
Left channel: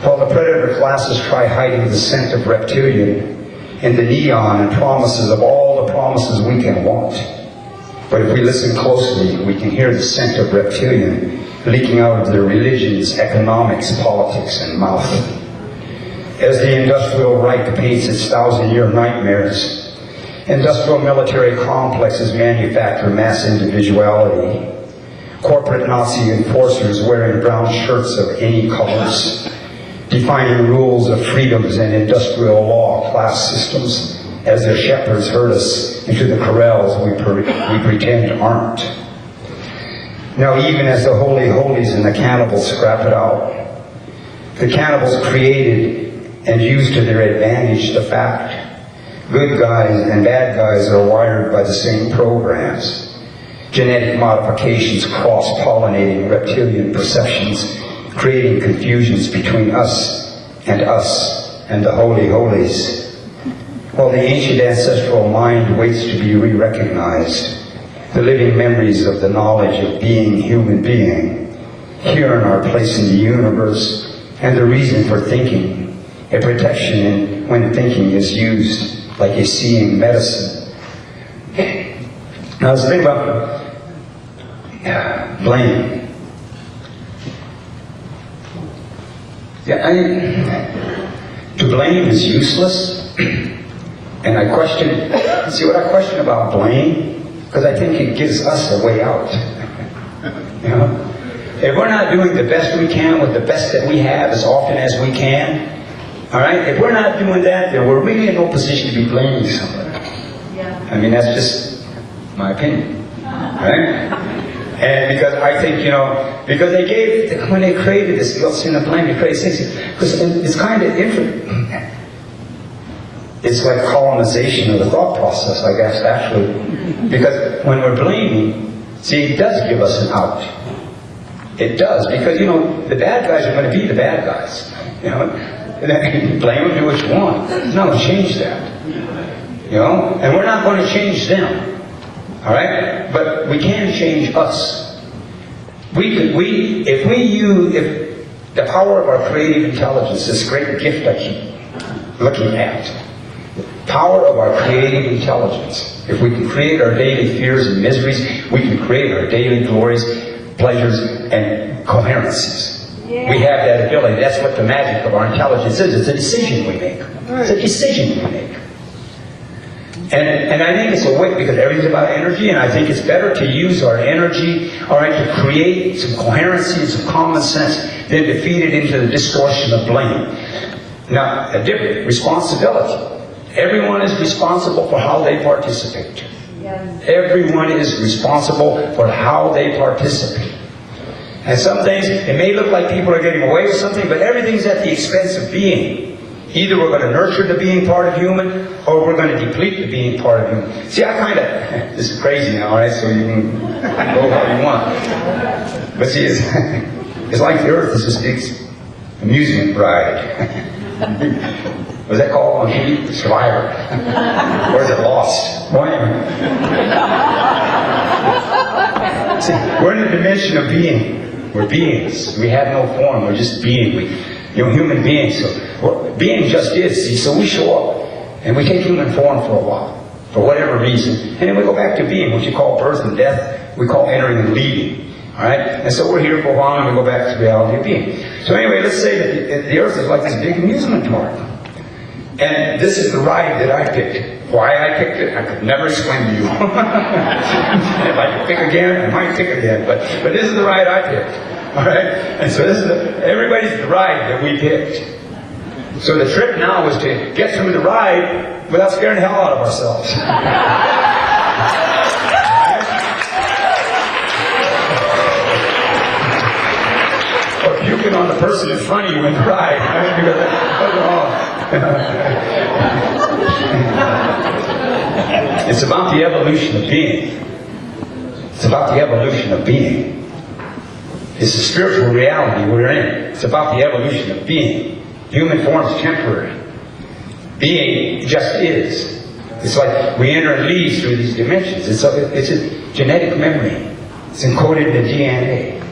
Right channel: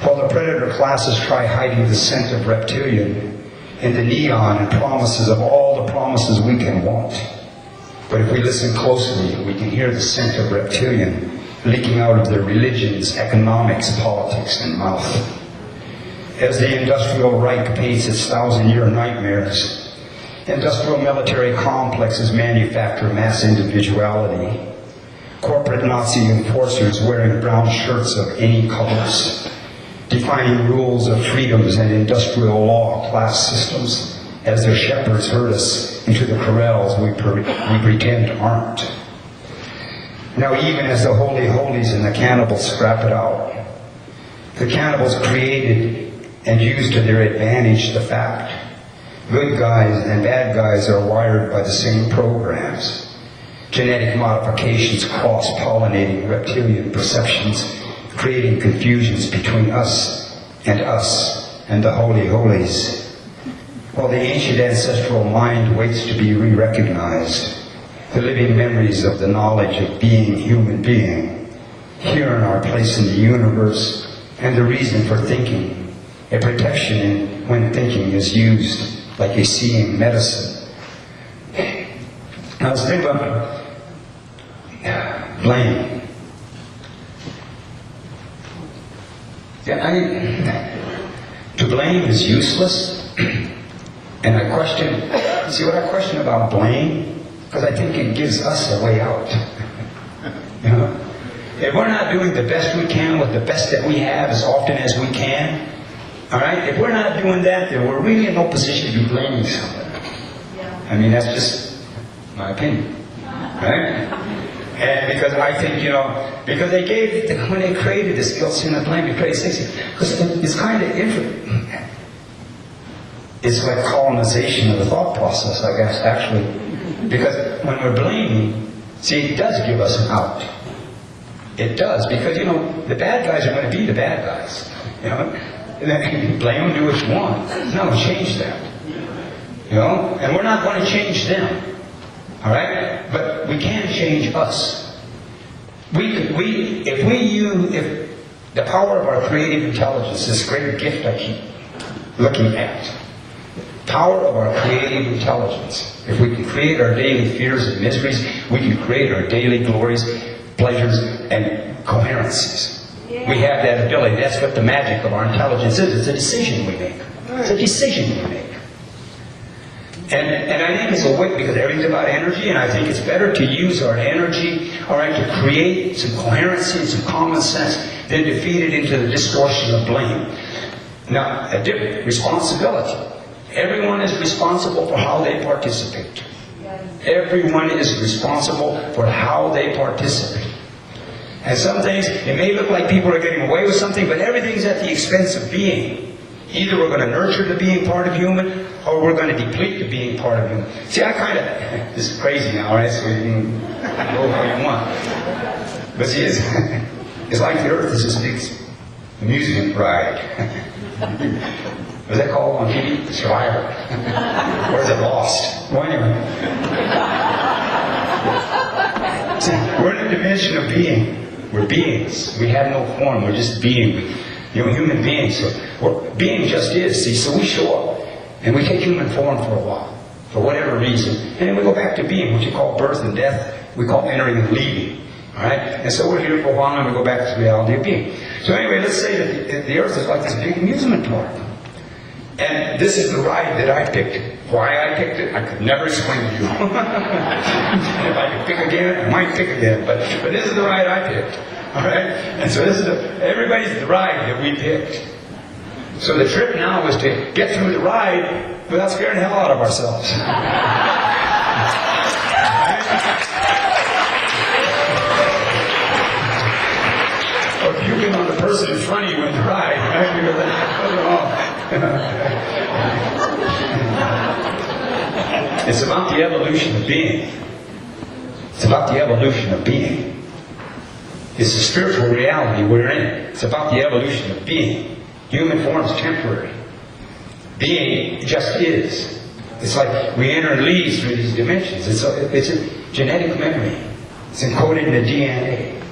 While the predator classes try hiding the scent of reptilian and the neon and promises of all the promises we can want. But if we listen closely, we can hear the scent of reptilian leaking out of their religions, economics, politics, and mouth. As the industrial Reich paints its 1,000-year nightmares, industrial military complexes manufacture mass individuality. Corporate Nazi enforcers wearing brown shirts of any colors, defining rules of freedoms and industrial law class systems as their shepherds herd us into the corrals we pretend aren't. Now, even as the holy holies and the cannibals scrap it out, the cannibals created and used to their advantage the fact good guys and bad guys are wired by the same programs. Genetic modifications cross-pollinating reptilian perceptions, creating confusions between us and the holy holies. While the ancient ancestral mind waits to be re-recognized, the living memories of the knowledge of being human being, here in our place in the universe, and the reason for thinking, a protection when thinking is used like a seeing medicine. Now, I was thinking about blame. To blame is useless, and I question about blame? Because I think it gives us a way out. You know? If we're not doing the best we can with the best that we have as often as we can, all right, if we're not doing that, then we're really in no position to be blaming somebody. I mean, that's just my opinion, right? And because I think, because they gave, when they created this little sin of blame, they created six, because it's kind of interesting. It's like colonization of the thought process, I guess, actually. Because when we're blaming, see, it does give us an out. It does, because, the bad guys are going to be the bad guys, Blame them, do what you want. No, change that. And we're not going to change them. All right? But we can change us. If The power of our creative intelligence, this great gift I keep looking at. The power of our creative intelligence. If we can create our daily fears and miseries, we can create our daily glories, pleasures, and coherencies. We have that ability. That's what the magic of our intelligence is. It's a decision we make. It's a decision you make. And I think it's a way, because everything's about energy, and I think it's better to use our energy, all right, to create some coherency and some common sense than to feed it into the distortion of blame. Now, a different responsibility. Everyone is responsible for how they participate. Everyone is responsible for how they participate. And some things, it may look like people are getting away with something, but everything's at the expense of being. Either we're going to nurture the being part of human, or we're going to deplete the being part of human. See, I kind of, this is crazy now, all right, so you can go how you want. But see, it's like the earth is this big amusement ride. Was that called on TV? Survivor. Or is it Lost? Well, anyway. See, we're in a dimension of being. We're beings. We have no form. We're just being. Human beings. So being just is. See, so we show up. And we take human form for a while. For whatever reason. And then we go back to being. What you call birth and death, we call entering and leaving. Alright? And so we're here for a while and we go back to the reality of being. So anyway, let's say that the earth is like this big amusement park. And this is the ride that I picked. Why I picked it, I could never explain to you. If I could pick again, I might pick again. But this is the ride I picked. Alright? And so this is everybody's ride that we picked. So the trick now is to get through the ride without scaring the hell out of ourselves. Or puking on the person in front of you in the ride. Right? You got that. It's about the evolution of being. It's about the evolution of being. It's the spiritual reality we're in. It's about the evolution of being. Human form is temporary. Being just is. It's like we enter and leave through these dimensions. It's a genetic memory. It's encoded in the DNA.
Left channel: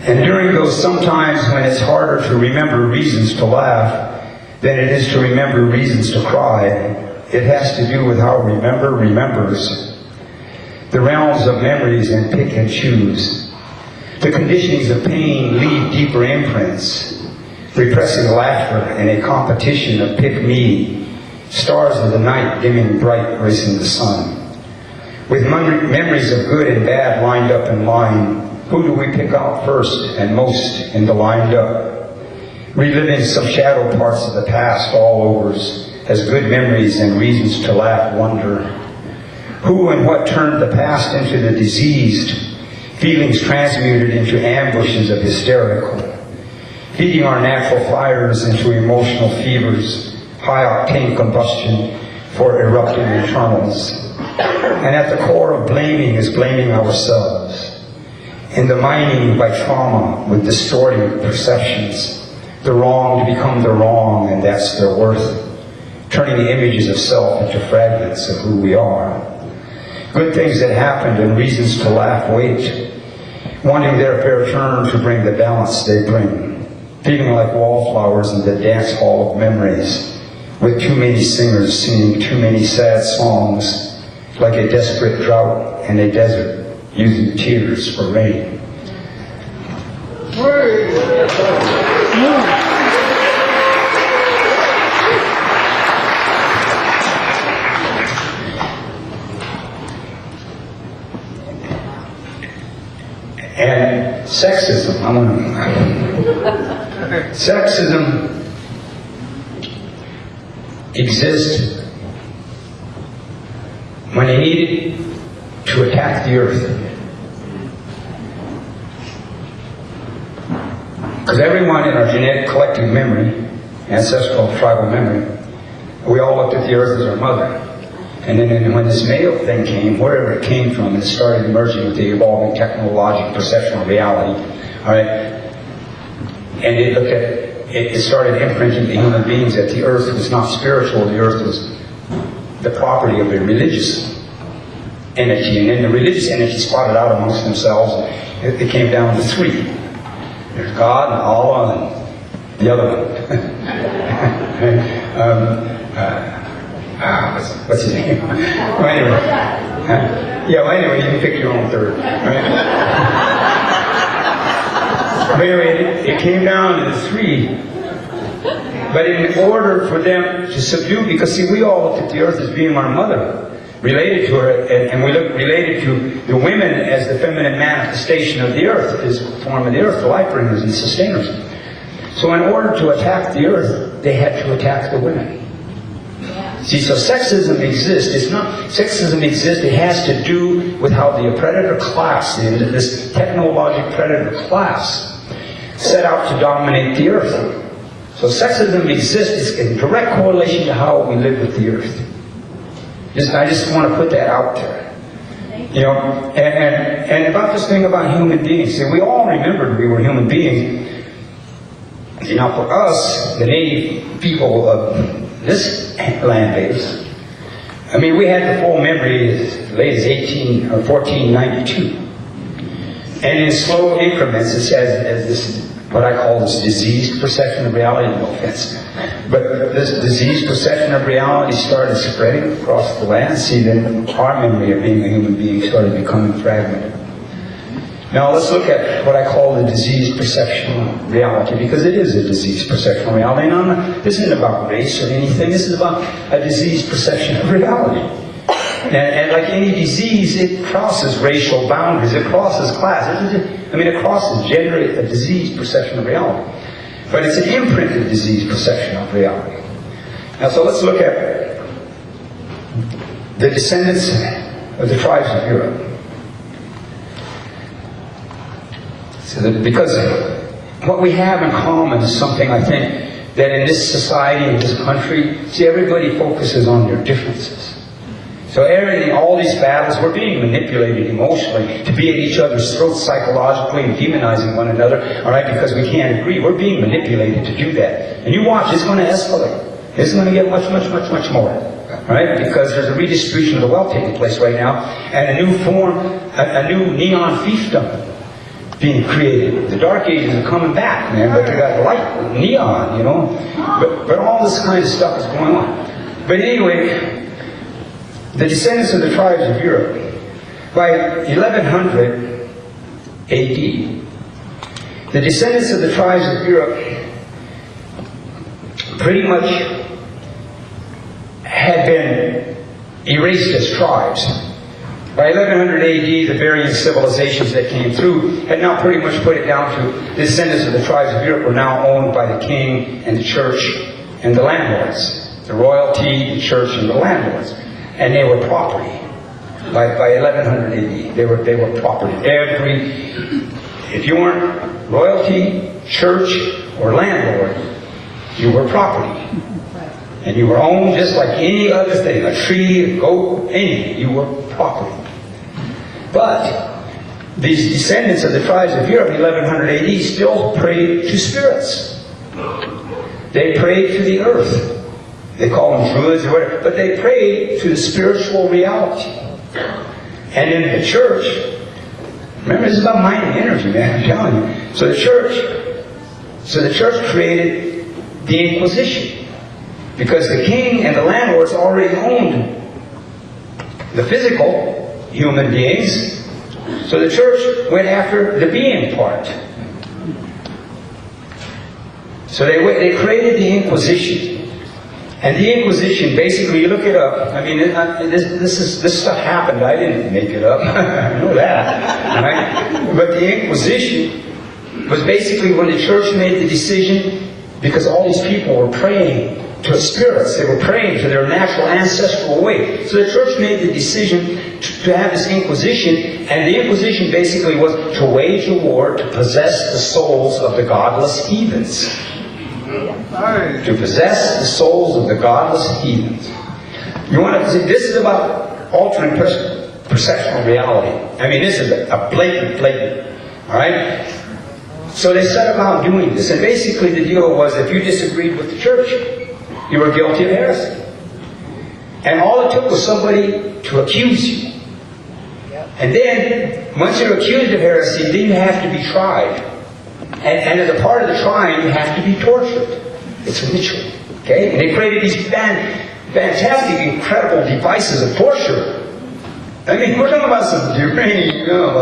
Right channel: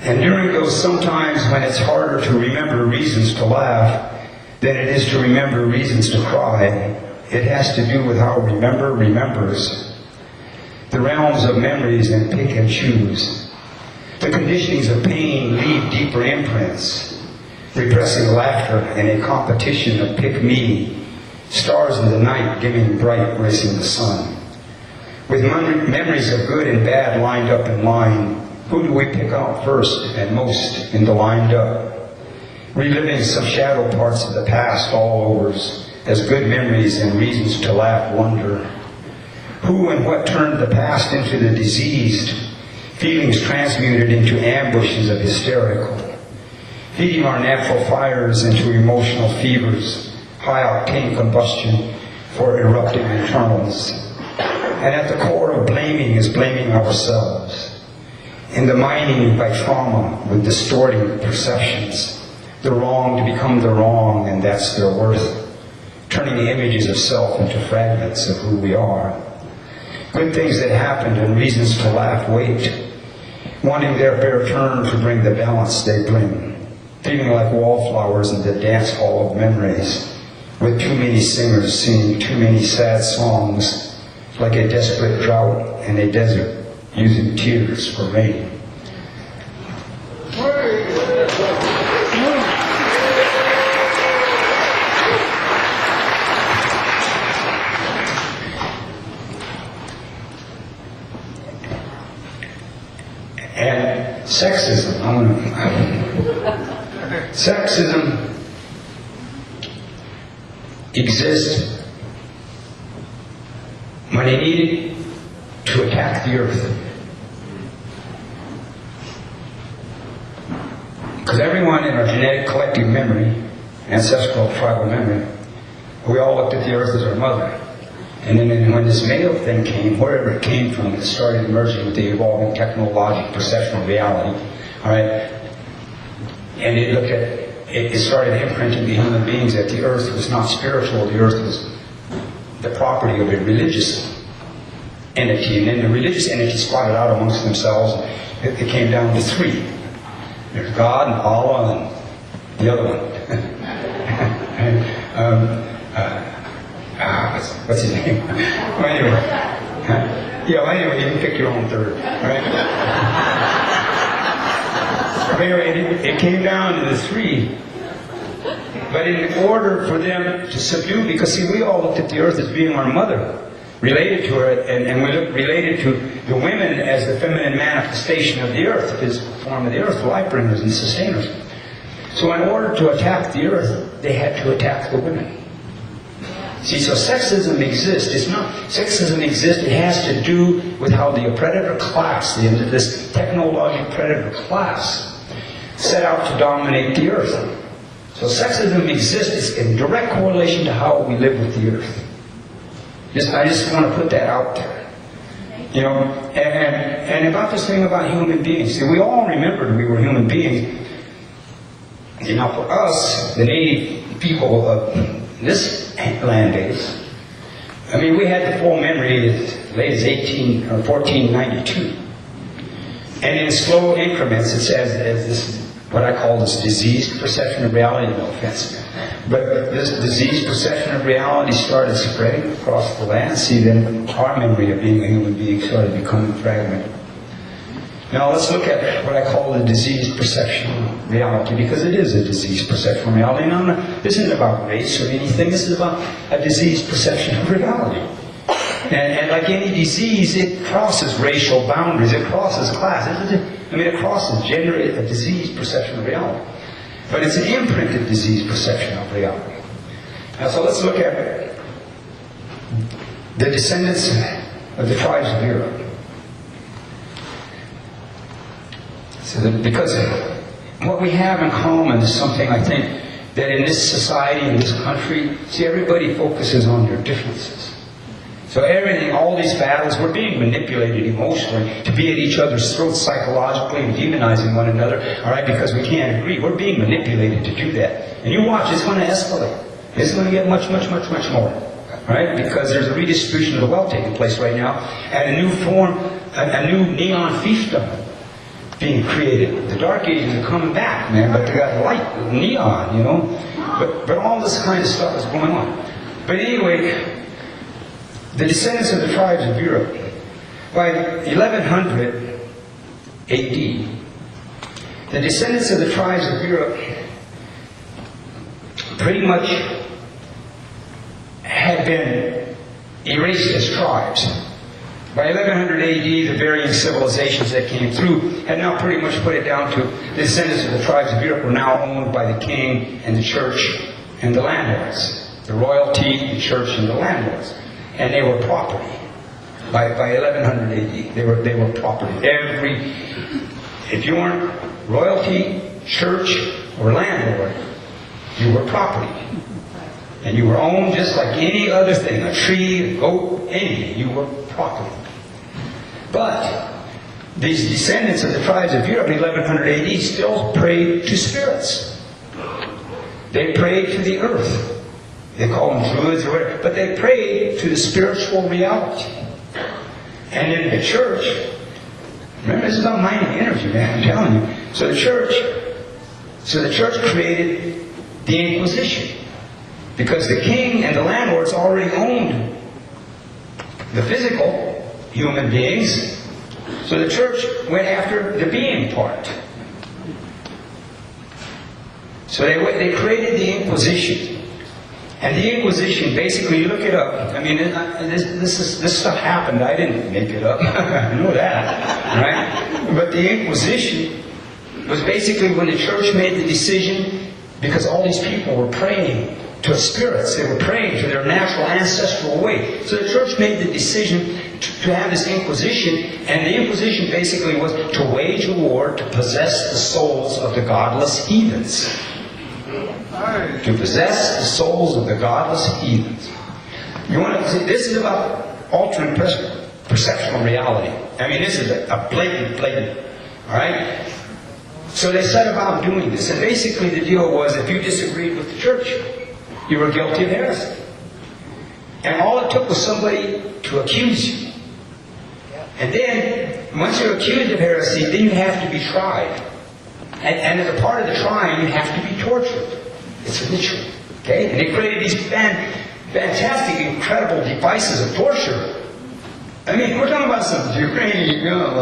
And during those sometimes when it's harder to remember reasons to laugh than it is to remember reasons to cry, it has to do with how remember remembers. The realms of memories and pick and choose. The conditionings of pain leave deeper imprints, repressing laughter in a competition of pick-me, stars in the night dimming bright, racing the sun. With memories of good and bad lined up in line, who do we pick out first and most in the lined up? Reliving some shadow parts of the past all overs, as good memories and reasons to laugh wonder. Who and what turned the past into the diseased, feelings transmuted into ambushes of hysterical, feeding our natural fires into emotional fevers, high-octane combustion for erupting internals. And at the core of blaming is blaming ourselves. In the mining by trauma with distorting perceptions, the wrong to become the wrong, and that's their worth, turning the images of self into fragments of who we are. Good things that happened and reasons to laugh wait, wanting their fair turn to bring the balance they bring, feeling like wallflowers in the dance hall of memories, with too many singers singing too many sad songs, like a desperate drought in a desert, using tears for rain. And sexism, sexism exists when they needed to attack the earth. Because everyone in our genetic collective memory, ancestral tribal memory, we all looked at the earth as our mother. And then when this male thing came, wherever it came from, it started emerging with the evolving technological perceptual reality. All right? And it looked at it started imprinting to human beings that the earth was not spiritual, the earth was the property of a religious entity. And then the religious entity spotted out amongst themselves, and it came down to three. There's God and Allah and the other one. What's his name? Well, anyway, you can pick your own third, right? But anyway, it came down to the three. But in order for them to subdue, because see, we all looked at the earth as being our mother, related to her, and we look related to the women as the feminine manifestation of the earth, the physical form of the earth, the life bringers and sustainers. So in order to attack the earth, they had to attack the women. See, so sexism exists. It's not sexism exists. It has to do with how the predator class, this technological predator class, set out to dominate the earth. So sexism exists. It's in direct correlation to how we live with the earth. I just want to put that out there. You know, and about this thing about human beings. See, we all remembered we were human beings. See, now for us, the native people of this land base, I mean, we had the full memory as late as 1492. And in slow increments, it says, as this, what I call this diseased perception of reality, no offense. But this diseased perception of reality started spreading across the land. See, then our memory of being a human being started becoming fragmented. Now let's look at what I call the diseased perception of reality, because it is a diseased perception of reality. No, this isn't about race or anything. This is about a diseased perception of reality. And like any disease, it crosses racial boundaries. It crosses class. It crosses gender, a diseased perception of reality. But it's an imprinted diseased perception of reality. Now, so let's look at the descendants of the tribes of Europe. So because what we have in common is something, I think, that in this society, in this country, see, everybody focuses on their differences. So everything, all these battles, we're being manipulated emotionally to be at each other's throats psychologically and demonizing one another, all right, because we can't agree. We're being manipulated to do that. And you watch, it's going to escalate. It's going to get much, much, much, much more, all right, because there's a redistribution of the wealth taking place right now, and a new form, a new neon fiefdom being created. The Dark Ages are coming back, man, but they got light with neon, you know. But all this kind of stuff is going on. But anyway, the descendants of the tribes of Europe, by 1100 AD, the descendants of the tribes of Europe pretty much had been erased as tribes. By 1100 AD, the varying civilizations that came through had now pretty much put it down to the descendants of the tribes of Europe were now owned by the king and the church and the landlords. The royalty, the church, and the landlords. And they were property. By 1100 AD, they were property. If you weren't royalty, church, or landlord, you were property. And you were owned just like any other thing, a tree, a goat, anything. You were property. But these descendants of the tribes of Europe in 1100 AD still prayed to spirits. They prayed to the earth. They call them druids or whatever, but they prayed to the spiritual reality. And in the church, remember, this is about mind and energy, man, I'm telling you. So the church created the Inquisition, because the king and the landlords already owned the physical human beings. So the church went after the being part. So they created the Inquisition. And the Inquisition, basically, you look it up. I mean, this stuff happened. I didn't make it up. I know that. Right? But the Inquisition was basically when the church made the decision, because all these people were praying to spirits. They were praying to their natural ancestral way. So the church made the decision to have this Inquisition, and the Inquisition basically was to wage a war to possess the souls of the godless heathens. To possess the souls of the godless heathens. You want to see, this is about alternate perceptual reality. I mean, this is a blatant. All right? So they set about doing this, and basically the deal was, if you disagreed with the church, you were guilty of heresy. And all it took was somebody to accuse you. And then, once you're accused of heresy, then you have to be tried. And as a part of the tribe, you have to be tortured. It's a ritual. Okay? And they created these fantastic, incredible devices of torture. I mean, we're talking about some Ukrainian, no,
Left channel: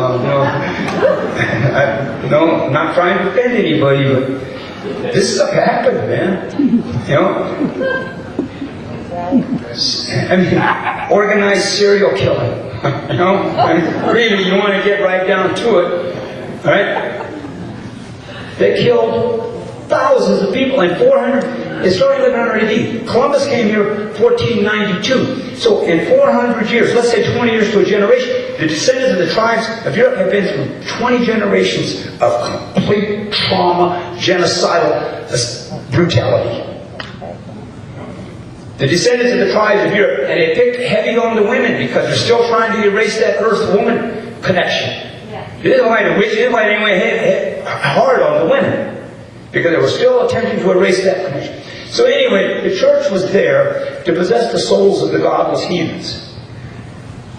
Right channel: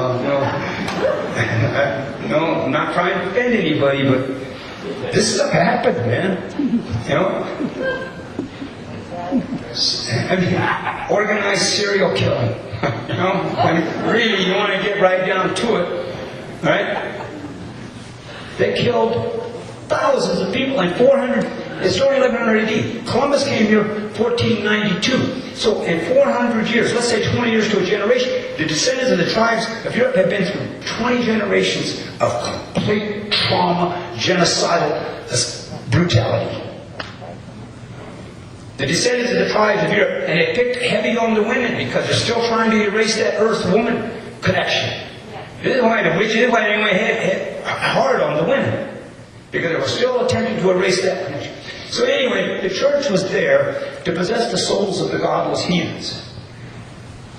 I'm not trying to offend anybody, but this stuff happened, man. You know? I mean, organized serial killing. You know? When really you want to get right down to it, right? They killed thousands of people in 400, it started in 1100 AD. Columbus came here 1492. So in 400 years, let's say 20 years to a generation, the descendants of the tribes of Europe have been through 20 generations of complete trauma, genocidal brutality. The descendants of the tribes of Europe, and they picked heavy on the women because they're still trying to erase that earth-woman connection. This is why the rich, they went hit hard on the women. Because they were still attempting to erase that connection. So anyway, the church was there to possess the souls of the godless heathens.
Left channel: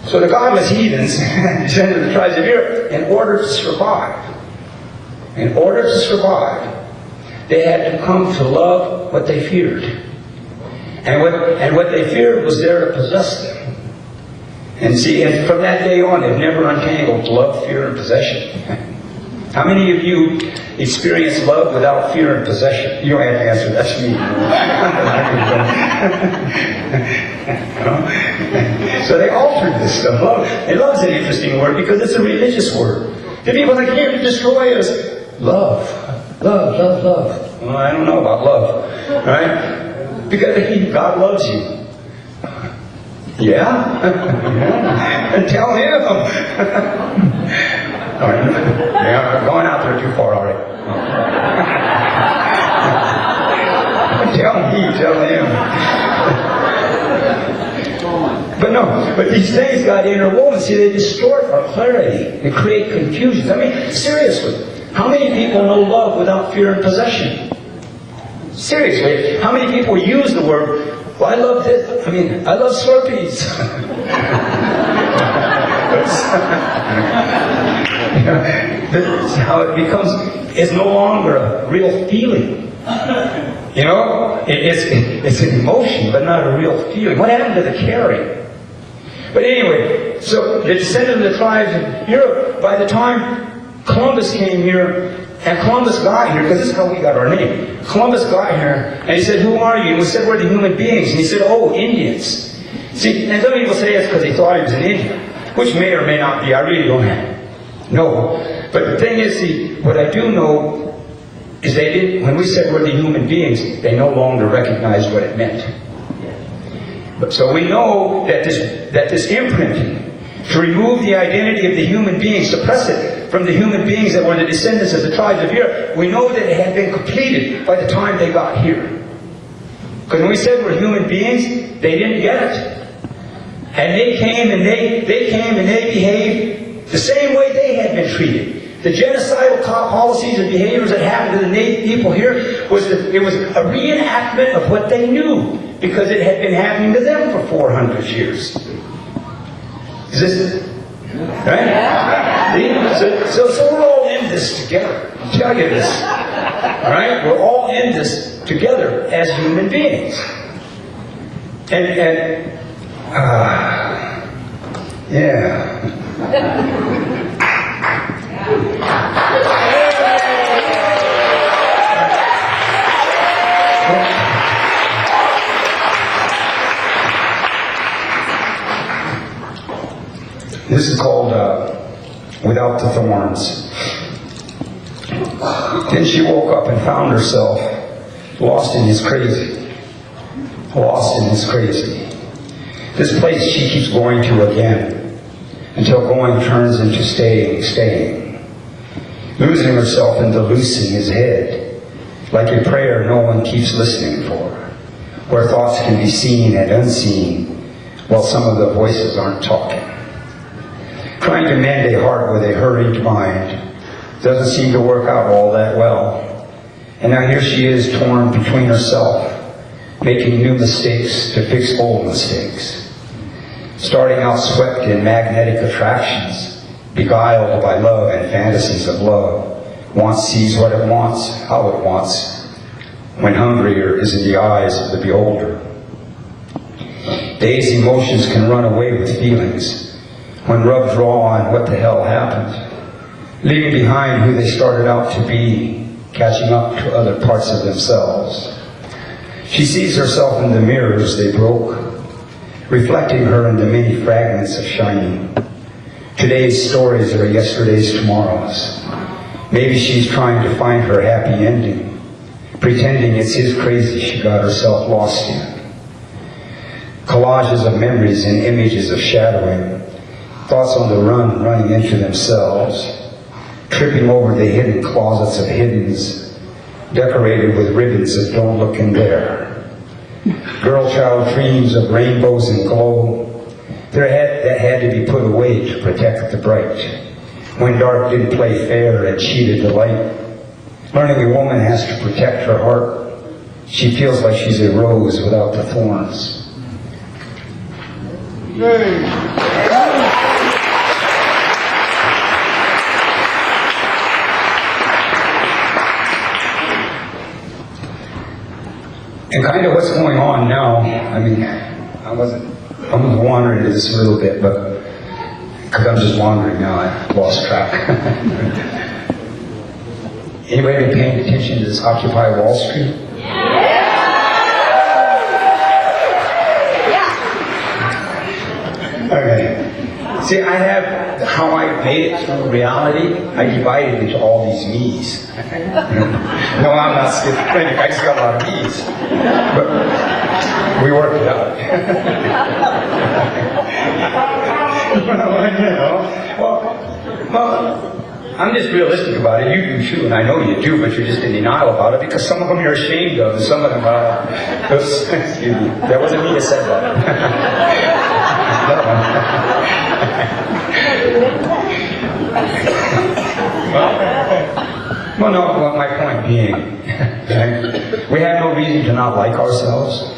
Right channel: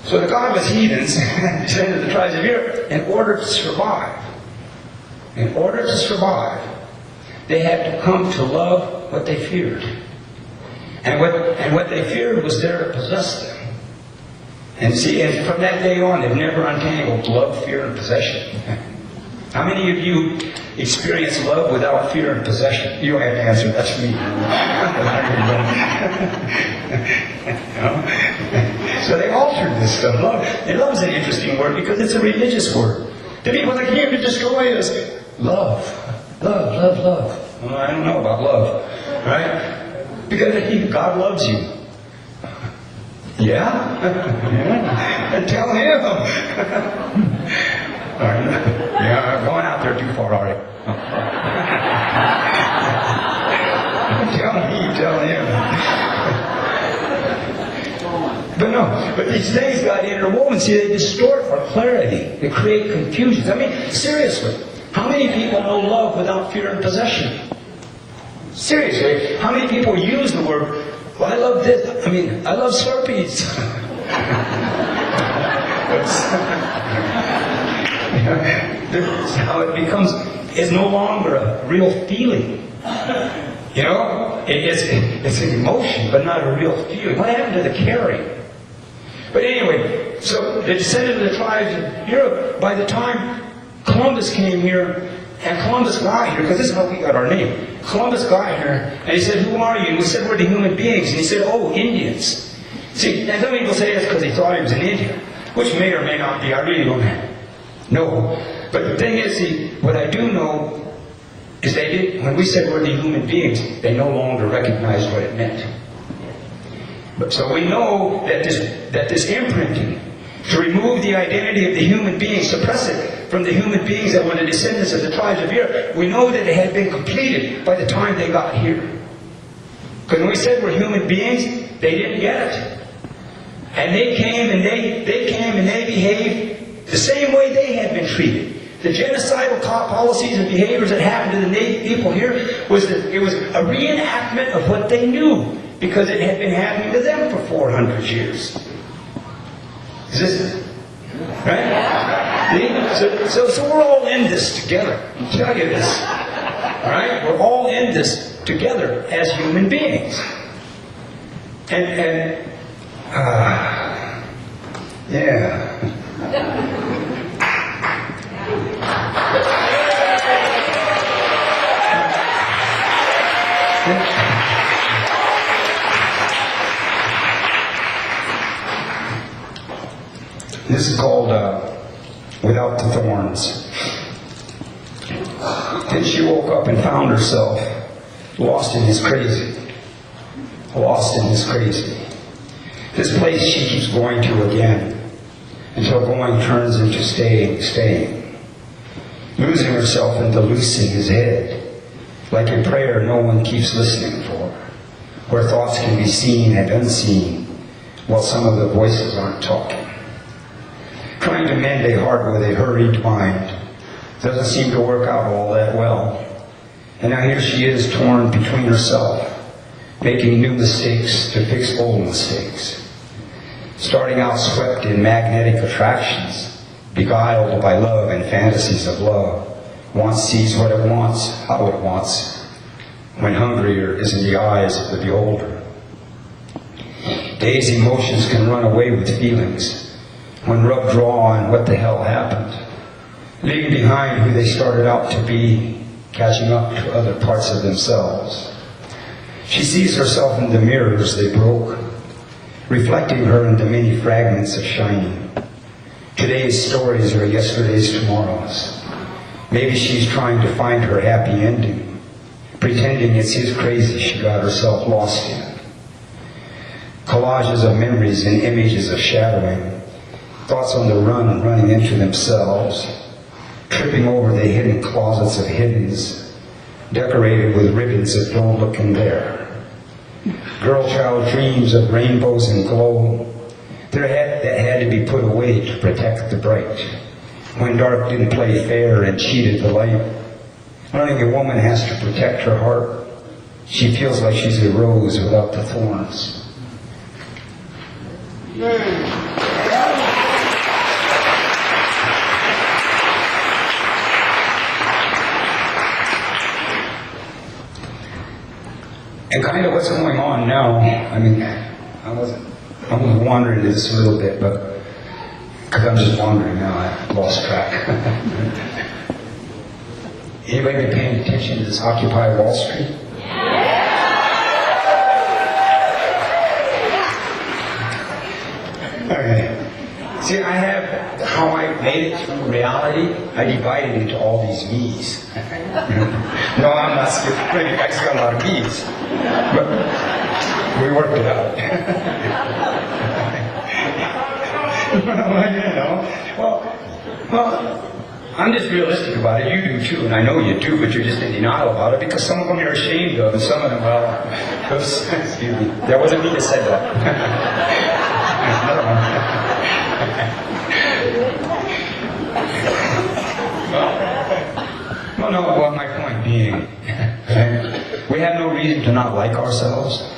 So the godless heathens, descended of the tribes of Europe, in order to survive, they had to come to love what they feared. And what they feared was there to possess them. And see, and from that day on, they've never untangled love, fear, and possession. How many of you experience love without fear and possession? You don't have to answer, that's me. So they altered this stuff. Love. And love is an interesting word because it's a religious word. The people that came to destroy us, love. Well, I don't know about love, right? Because God loves you. Yeah? And tell him. Yeah, I'm going out there too far already. Tell him. But these things got interwoven. See, they distort our clarity. They create confusion. I mean, seriously, how many people know love without fear and possession? Seriously, how many people use the word, well, I love this, I love Slurpees. That's how it becomes, it's no longer a real feeling. You know? It's an emotion, but not a real feeling. What happened to the caring? But anyway, so the descendants of the tribes of Europe, by the time Columbus came here, and Columbus got here, because this is how we got our name. Columbus got here, and he said, who are you? And we said, we're the human beings. And he said, oh, Indians. See, and some people say it's because he thought he was an Indian, which may or may not be. I really don't know. But the thing is, see, what I do know is they didn't, when we said we're the human beings, they no longer recognized what it meant. But so we know that this imprinting, to remove the identity of the human being, suppress it from the human beings that were the descendants of the tribes of Europe, we know that it had been completed by the time they got here. Because when we said we're human beings, they didn't get it. And they came and they behaved the same way they had been treated. The genocidal policies and behaviors that happened to the native people here was a reenactment of what they knew, because it had been happening to them for 400 years. Is this it? Right? So we're all in this together. I'll tell you this. All right? We're all in this together as human beings. Yeah. This is called Without the Thorns. Then she woke up and found herself lost in this crazy. This place she keeps going to again, until going turns into staying. Losing herself into loosing his head, like a prayer no one keeps listening for, where thoughts can be seen and unseen, while some of the voices aren't talking. Trying to mend a heart with a hurried mind doesn't seem to work out all that well. And now here she is, torn between herself, making new mistakes to fix old mistakes. Starting out swept in magnetic attractions, beguiled by love and fantasies of love, Wants sees what it wants, how it wants, when hungrier is in the eyes of the beholder. Dazed emotions can run away with feelings when rubbed raw on what the hell happened, leaving behind who they started out to be, catching up to other parts of themselves. She sees herself in the mirrors they broke, reflecting her in the many fragments of shining. Today's stories are yesterday's tomorrows. Maybe she's trying to find her happy ending, pretending it's his crazy she got herself lost in. Collages of memories and images of shadowing, thoughts on the run running into themselves, tripping over the hidden closets of hiddens, decorated with ribbons of don't look in there. Girl-child dreams of rainbows and glow, that had to be put away to protect the bright. When dark didn't play fair and cheated the light, learning a woman has to protect her heart. She feels like she's a rose without the thorns. And kind of what's going on now, I mean, I'm wandering into this a little bit, but because I'm just wandering now, I lost track. Anybody been paying attention to this Occupy Wall Street? Okay. See, I have how I made it through reality. I divided into all these me's. No, I'm not schizophrenic. I just got a lot of me's. But we worked it out. Well, I'm just realistic about it. You do too, and I know you do, but you're just in denial about it because some of them you're ashamed of, and some of them, well, excuse me, that wasn't me that said that. Well, my point being, we have no reason to not like ourselves.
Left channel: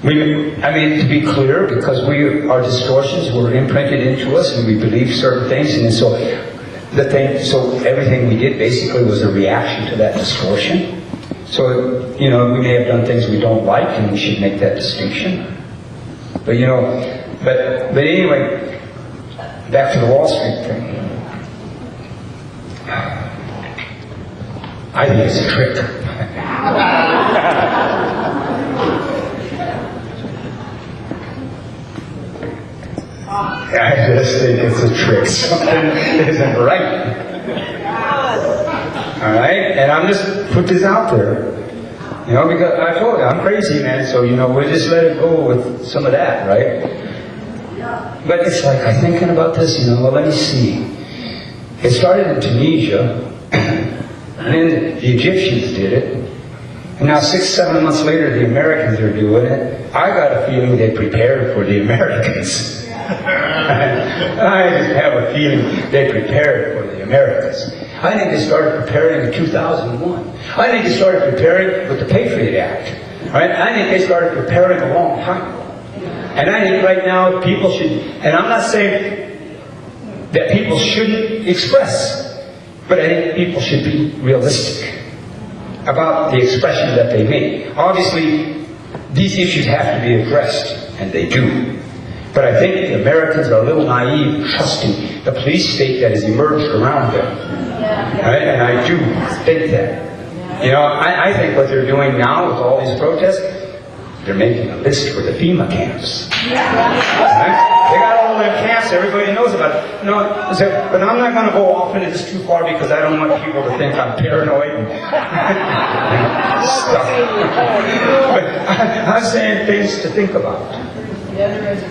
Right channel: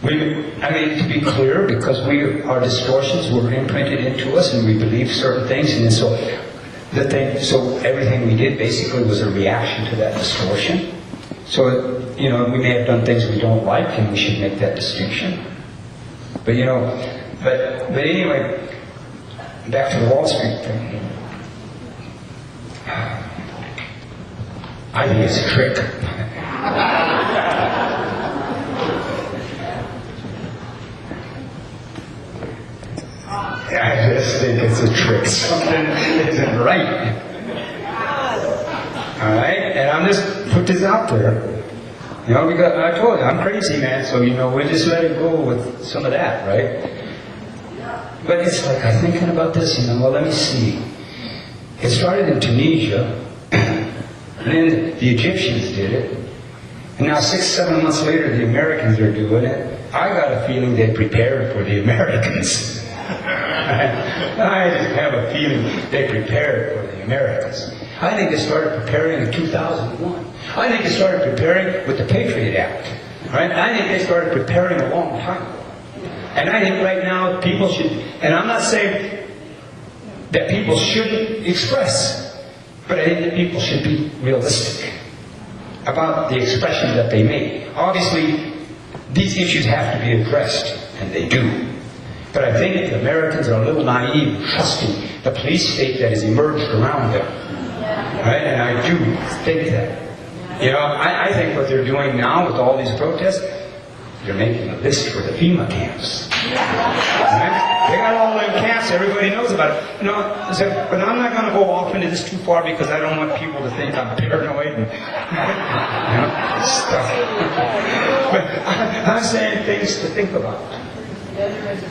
To be clear, because our distortions were imprinted into us and we believed certain things, and so everything we did basically was a reaction to that distortion. So, we may have done things we don't like, and we should make that distinction. But anyway, back to the Wall Street thing. I think it's a trick. I just think it's a trick. Something isn't right. Alright? And I'm just put this out there. Because I told you, I'm crazy, man, so, we're just letting go with some of that, right? But it's like, I'm thinking about this, let me see. It started in Tunisia, and then the Egyptians did it, and now 6-7 months later, the Americans are doing it. I got a feeling they prepared for the Americans. I just have a feeling they prepared for the Americans. I think they started preparing in 2001. I think they started preparing with the Patriot Act. Right? I think they started preparing a long time. And I think right now people should, and I'm not saying that people shouldn't express, but I think that people should be realistic about the expression that they make. Obviously, these issues have to be addressed, and they do. But I think the Americans are a little naive in trusting the police state that has emerged around them. Right? And I do think that. I think what they're doing now with all these protests, they're making a list for the FEMA camps. Right? They got all them camps, everybody knows about it. But I'm not going to go off into this too far because I don't want people to think I'm paranoid and stuff. But I'm saying things to think about.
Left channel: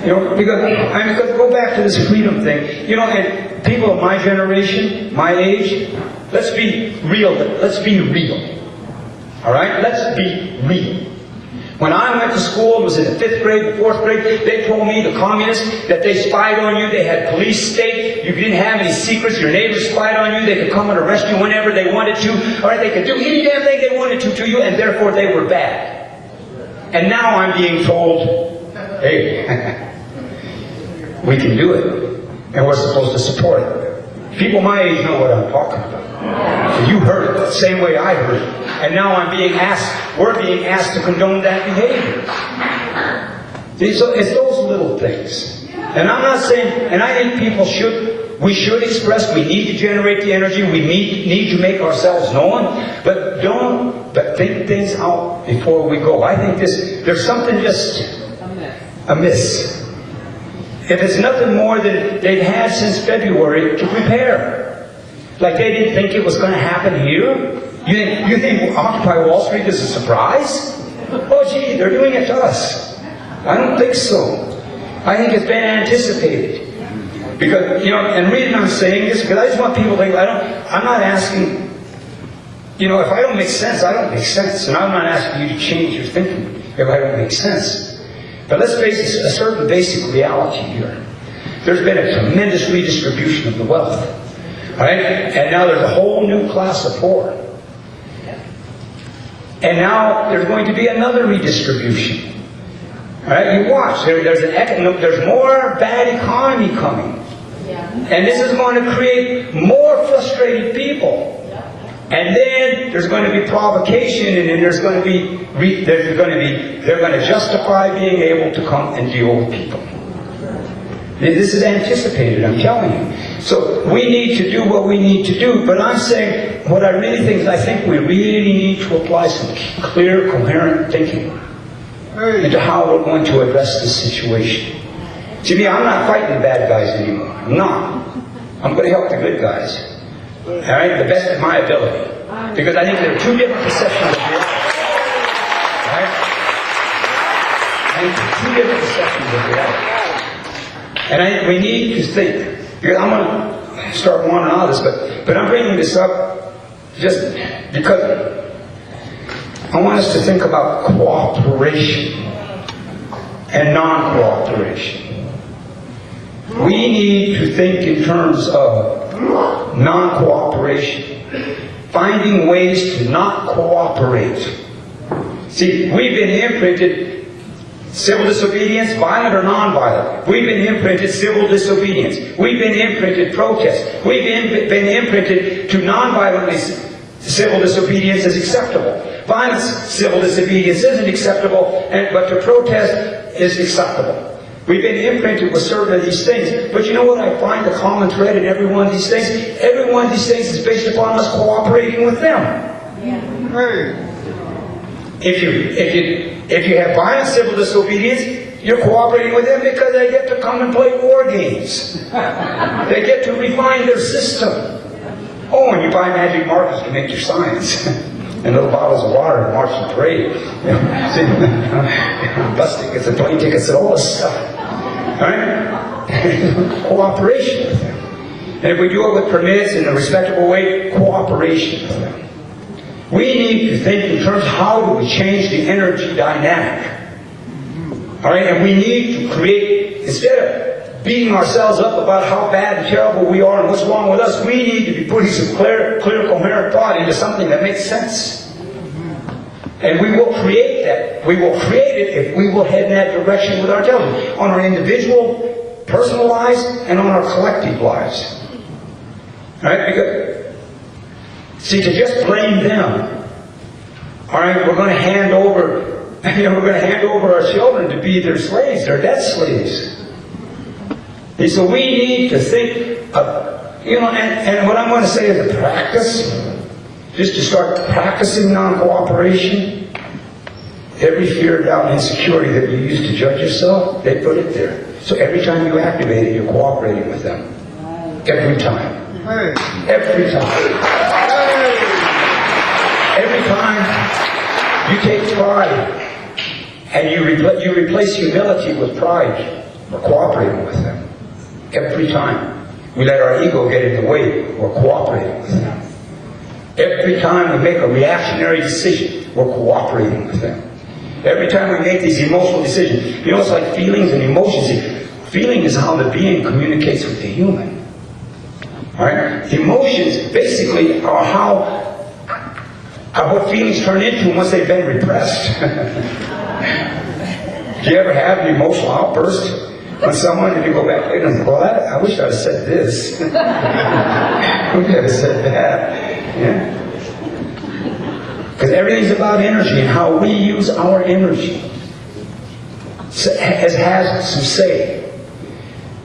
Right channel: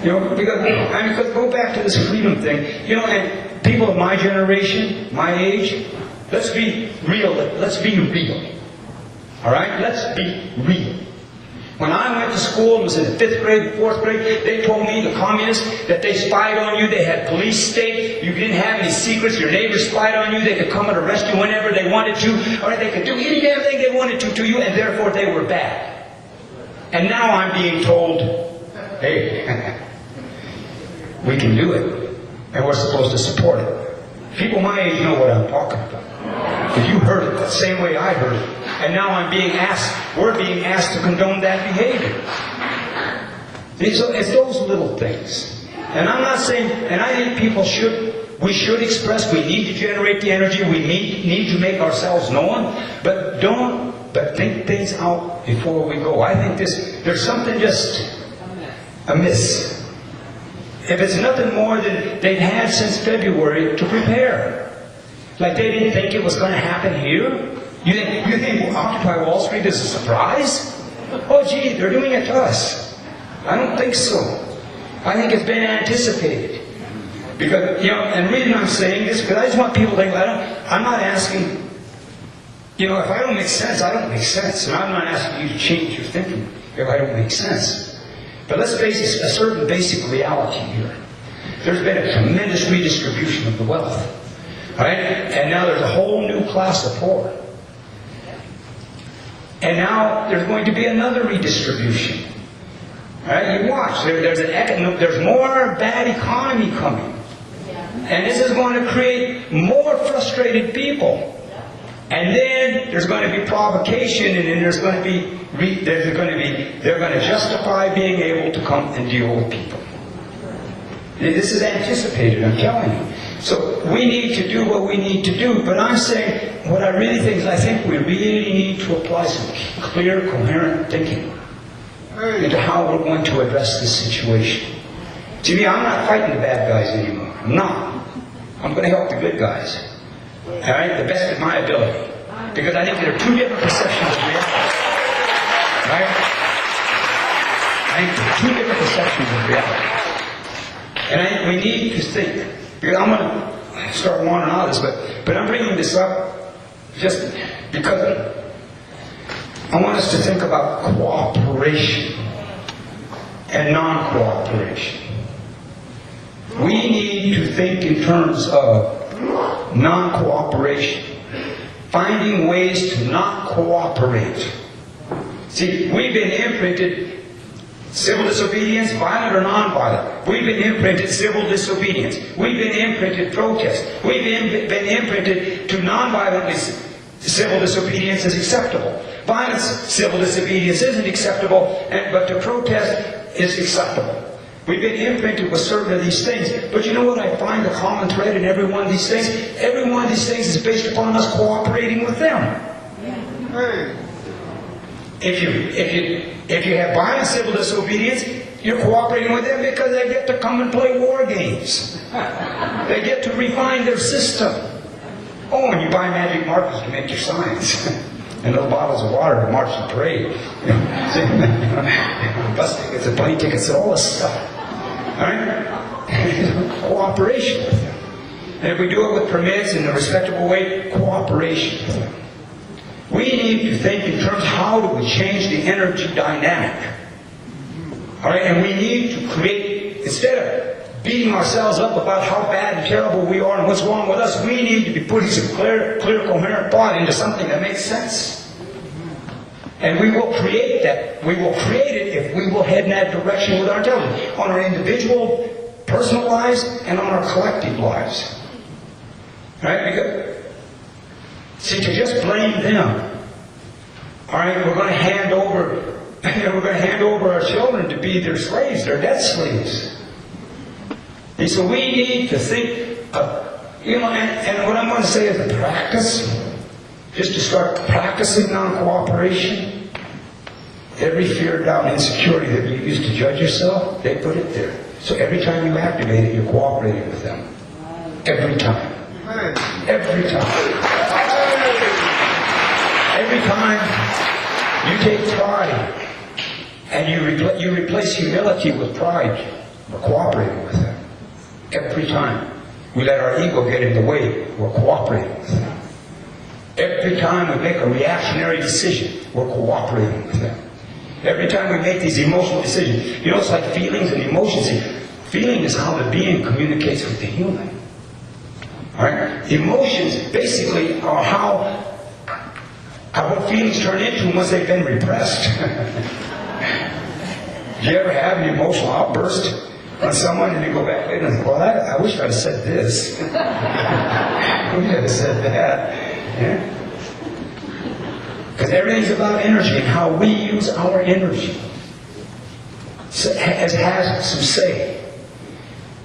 Because go back to this freedom thing. And people of my generation, my age, let's be real. Let's be real. All right? Let's be real. When I went to school and was in 5th grade, 4th grade, they told me, the communists, that they spied on you. They had police state. You didn't have any secrets. Your neighbors spied on you. They could come and arrest you whenever they wanted to. All right? They could do any damn thing they wanted to you, and therefore they were bad. And now I'm being told, hey, we can do it, and we're supposed to support it. People my age know what I'm talking about. Because you heard it the same way I heard it. And now we're being asked to condone that behavior. See, so it's those little things. And I'm not saying, and I think we should express, we need to generate the energy, we need to make ourselves known, but think things out before we go. I think there's something just amiss. If it's nothing more than they've had since February to prepare. Like they didn't think it was going to happen here? You think Occupy Wall Street is a surprise? Oh gee, they're doing it to us. I don't think so. I think it's been anticipated. Because, and the reason I'm saying this, because I just want people to think, I'm not asking, if I don't make sense, I don't make sense. And I'm not asking you to change your thinking if I don't make sense. But let's face a certain basic reality here. There's been a tremendous redistribution of the wealth. Right? And now there's a whole new class of poor. And now there's going to be another redistribution. Right? You watch. There's more bad economy coming. And this is going to create more frustrated people. And then there's going to be provocation, and then they're going to justify being able to come and deal with people. This is anticipated, I'm telling you. So we need to do what we need to do, but I'm saying what I really think is I think we really need to apply some clear, coherent thinking into how we're going to address this situation. To me, I'm not fighting the bad guys anymore. I'm not. I'm going to help the good guys. All right? The best of my ability. Because I think there are two different perceptions of reality. Right? I think there are two different perceptions of reality. And I think we need to think. I'm going to start wanting all this, but I'm bringing this up just because I want us to think about cooperation and non-cooperation. We need to think in terms of non-cooperation, finding ways to not cooperate. See, we've been imprinted civil disobedience, violent or non-violent. We've been imprinted civil disobedience. We've been imprinted protest. We've been imprinted to non-violently civil disobedience is acceptable. Violent civil disobedience isn't acceptable, but to protest is acceptable. We've been imprinted with certain of these things. But you know what I find the common thread in every one of these things? Every one of these things is based upon us cooperating with them. If you have violent civil disobedience, you're cooperating with them because they get to come and play war games. They get to refine their system. Oh, and you buy magic markers to make your signs. And little bottles of water to march in the parade. Busted gets a plane tickets and all this stuff. Alright? Cooperation with them. And if we do it with permits in a respectable way, cooperation with them. We need to think in terms of how do we change the energy dynamic. Alright, and we need to create, instead of beating ourselves up about how bad and terrible we are and what's wrong with us, we need to be putting some clear, coherent thought into something that makes sense. And we will create that. We will create it if we will head in that direction with our intelligence, on our individual, personal lives, and on our collective lives. Alright, because see, to just blame them, all right, we're going to hand over our children to be their slaves, their death slaves. And so we need to think of, and what I'm going to say is a practice, just to start practicing non-cooperation. Every fear, doubt, and insecurity that you use to judge yourself, they put it there. So every time you activate it, you're cooperating with them. Every time. Every time. Every time you take pride and you replace humility with pride, we're cooperating with them. Every time we let our ego get in the way, we're cooperating with them. Every time we make a reactionary decision, we're cooperating with them. Every time we make these emotional decisions, it's like feelings and emotions. Feeling is how the being communicates with the human. Alright? Emotions basically are what feelings turn into once they've been repressed. Do you ever have an emotional outburst on someone and you go back later and think, well, I wish I'd said this. We never said that. Yeah. Because everything's about energy and how we use our energy. It has some say.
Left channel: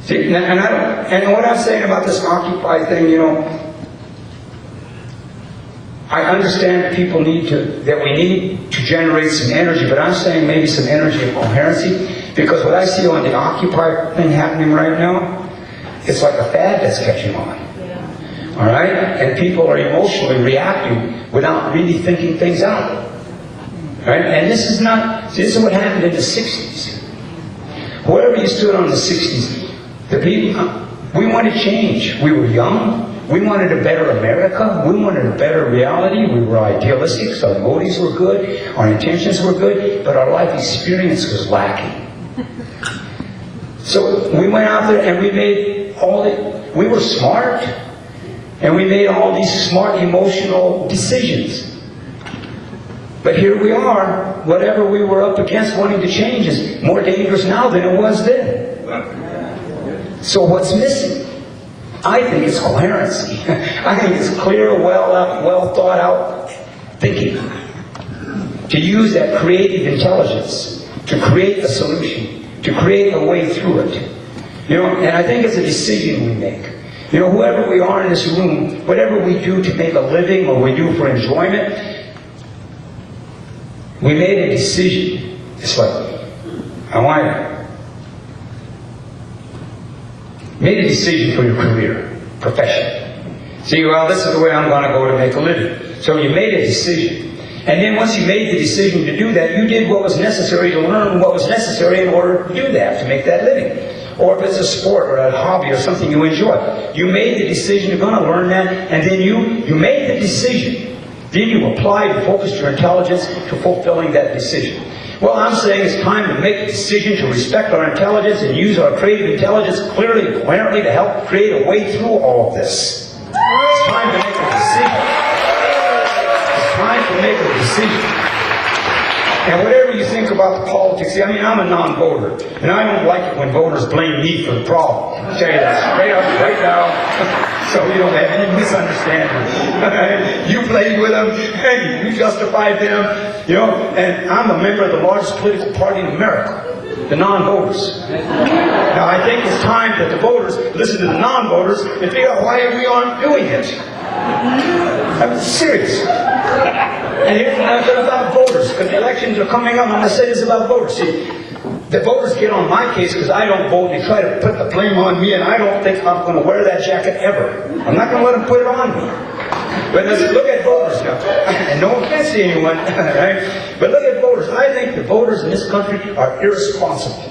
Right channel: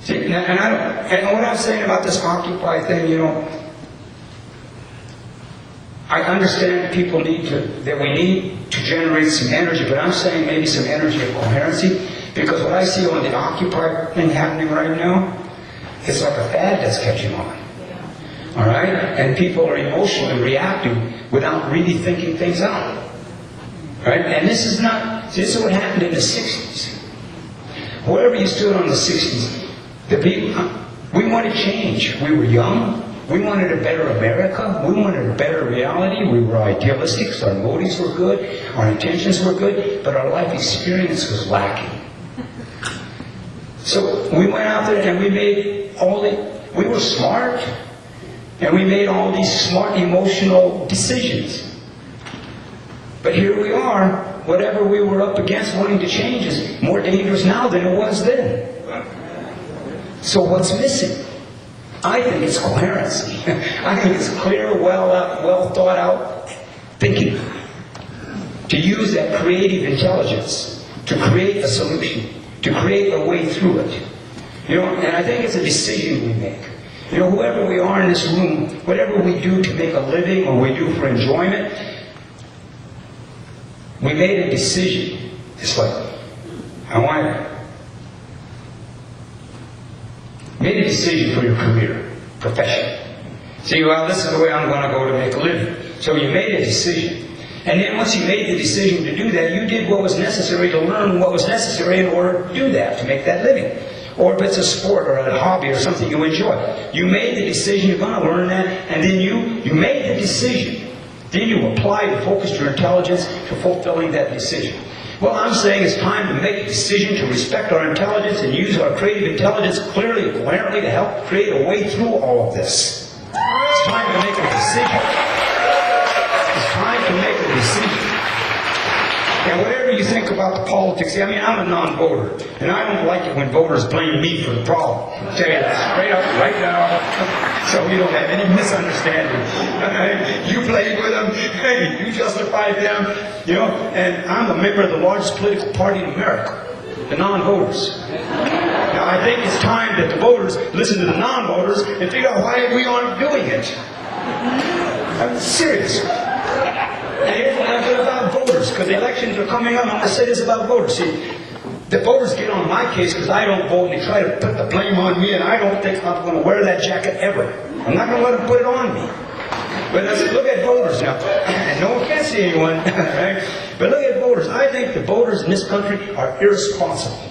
See, and what I'm saying about this Occupy thing, you know, I understand that we need to generate some energy, but I'm saying maybe some energy of coherency, because what I see on the Occupy thing happening right now, it's like a fad that's catching on. All right? And people are emotionally reacting without really thinking things out. Right? And this is what happened in the 60s. Whatever you stood on in the 60s, the people, we wanted change. We were young. We wanted a better America. We wanted a better reality. We were idealistic. So our motives were good. Our intentions were good. But our life experience was lacking. So we went out there and we were smart. And we made all these smart emotional decisions. But here we are, whatever we were up against wanting to change is more dangerous now than it was then. So what's missing? I think it's coherency. I think it's clear, well thought out thinking. To use that creative intelligence to create a solution, to create a way through it. You know, and I think it's a decision we make. You know, whoever we are in this room, whatever we do to make a living or we do for enjoyment, we made a decision. It's like, made a decision for your career, profession. See, well, this is the way I'm going to go to make a living. So you made a decision. And then once you made the decision to do that, you did what was necessary to learn what was necessary in order to do that, to make that living. Or if it's a sport or a hobby or something you enjoy. You made the decision you're going to learn that, and then you made the decision. Then you applied and focused your intelligence to fulfilling that decision. Well, I'm saying it's time to make a decision to respect our intelligence and use our creative intelligence clearly and coherently to help create a way through all of this. It's time to make a decision. It's time to make a decision. And whatever you think about the politics, I mean, I'm a non-voter, and I don't like it when voters blame me for the problem. I'll tell you that straight up right now, so we don't have any misunderstandings. You played with them, you justified them, you know, and I'm a member of the largest political party in America, the non-voters. Now, I think it's time that the voters listen to the non-voters and figure out why we aren't doing it. I'm serious. And here's about voters, because elections are coming up. I'm going to say this about voters. See, the voters get on my case because I don't vote, and they try to put the blame on me, and I don't think I'm going to wear that jacket ever. I'm not going to let them put it on me. But let's look at voters now. And no offense to anyone, right? But look at voters. I think the voters in this country are irresponsible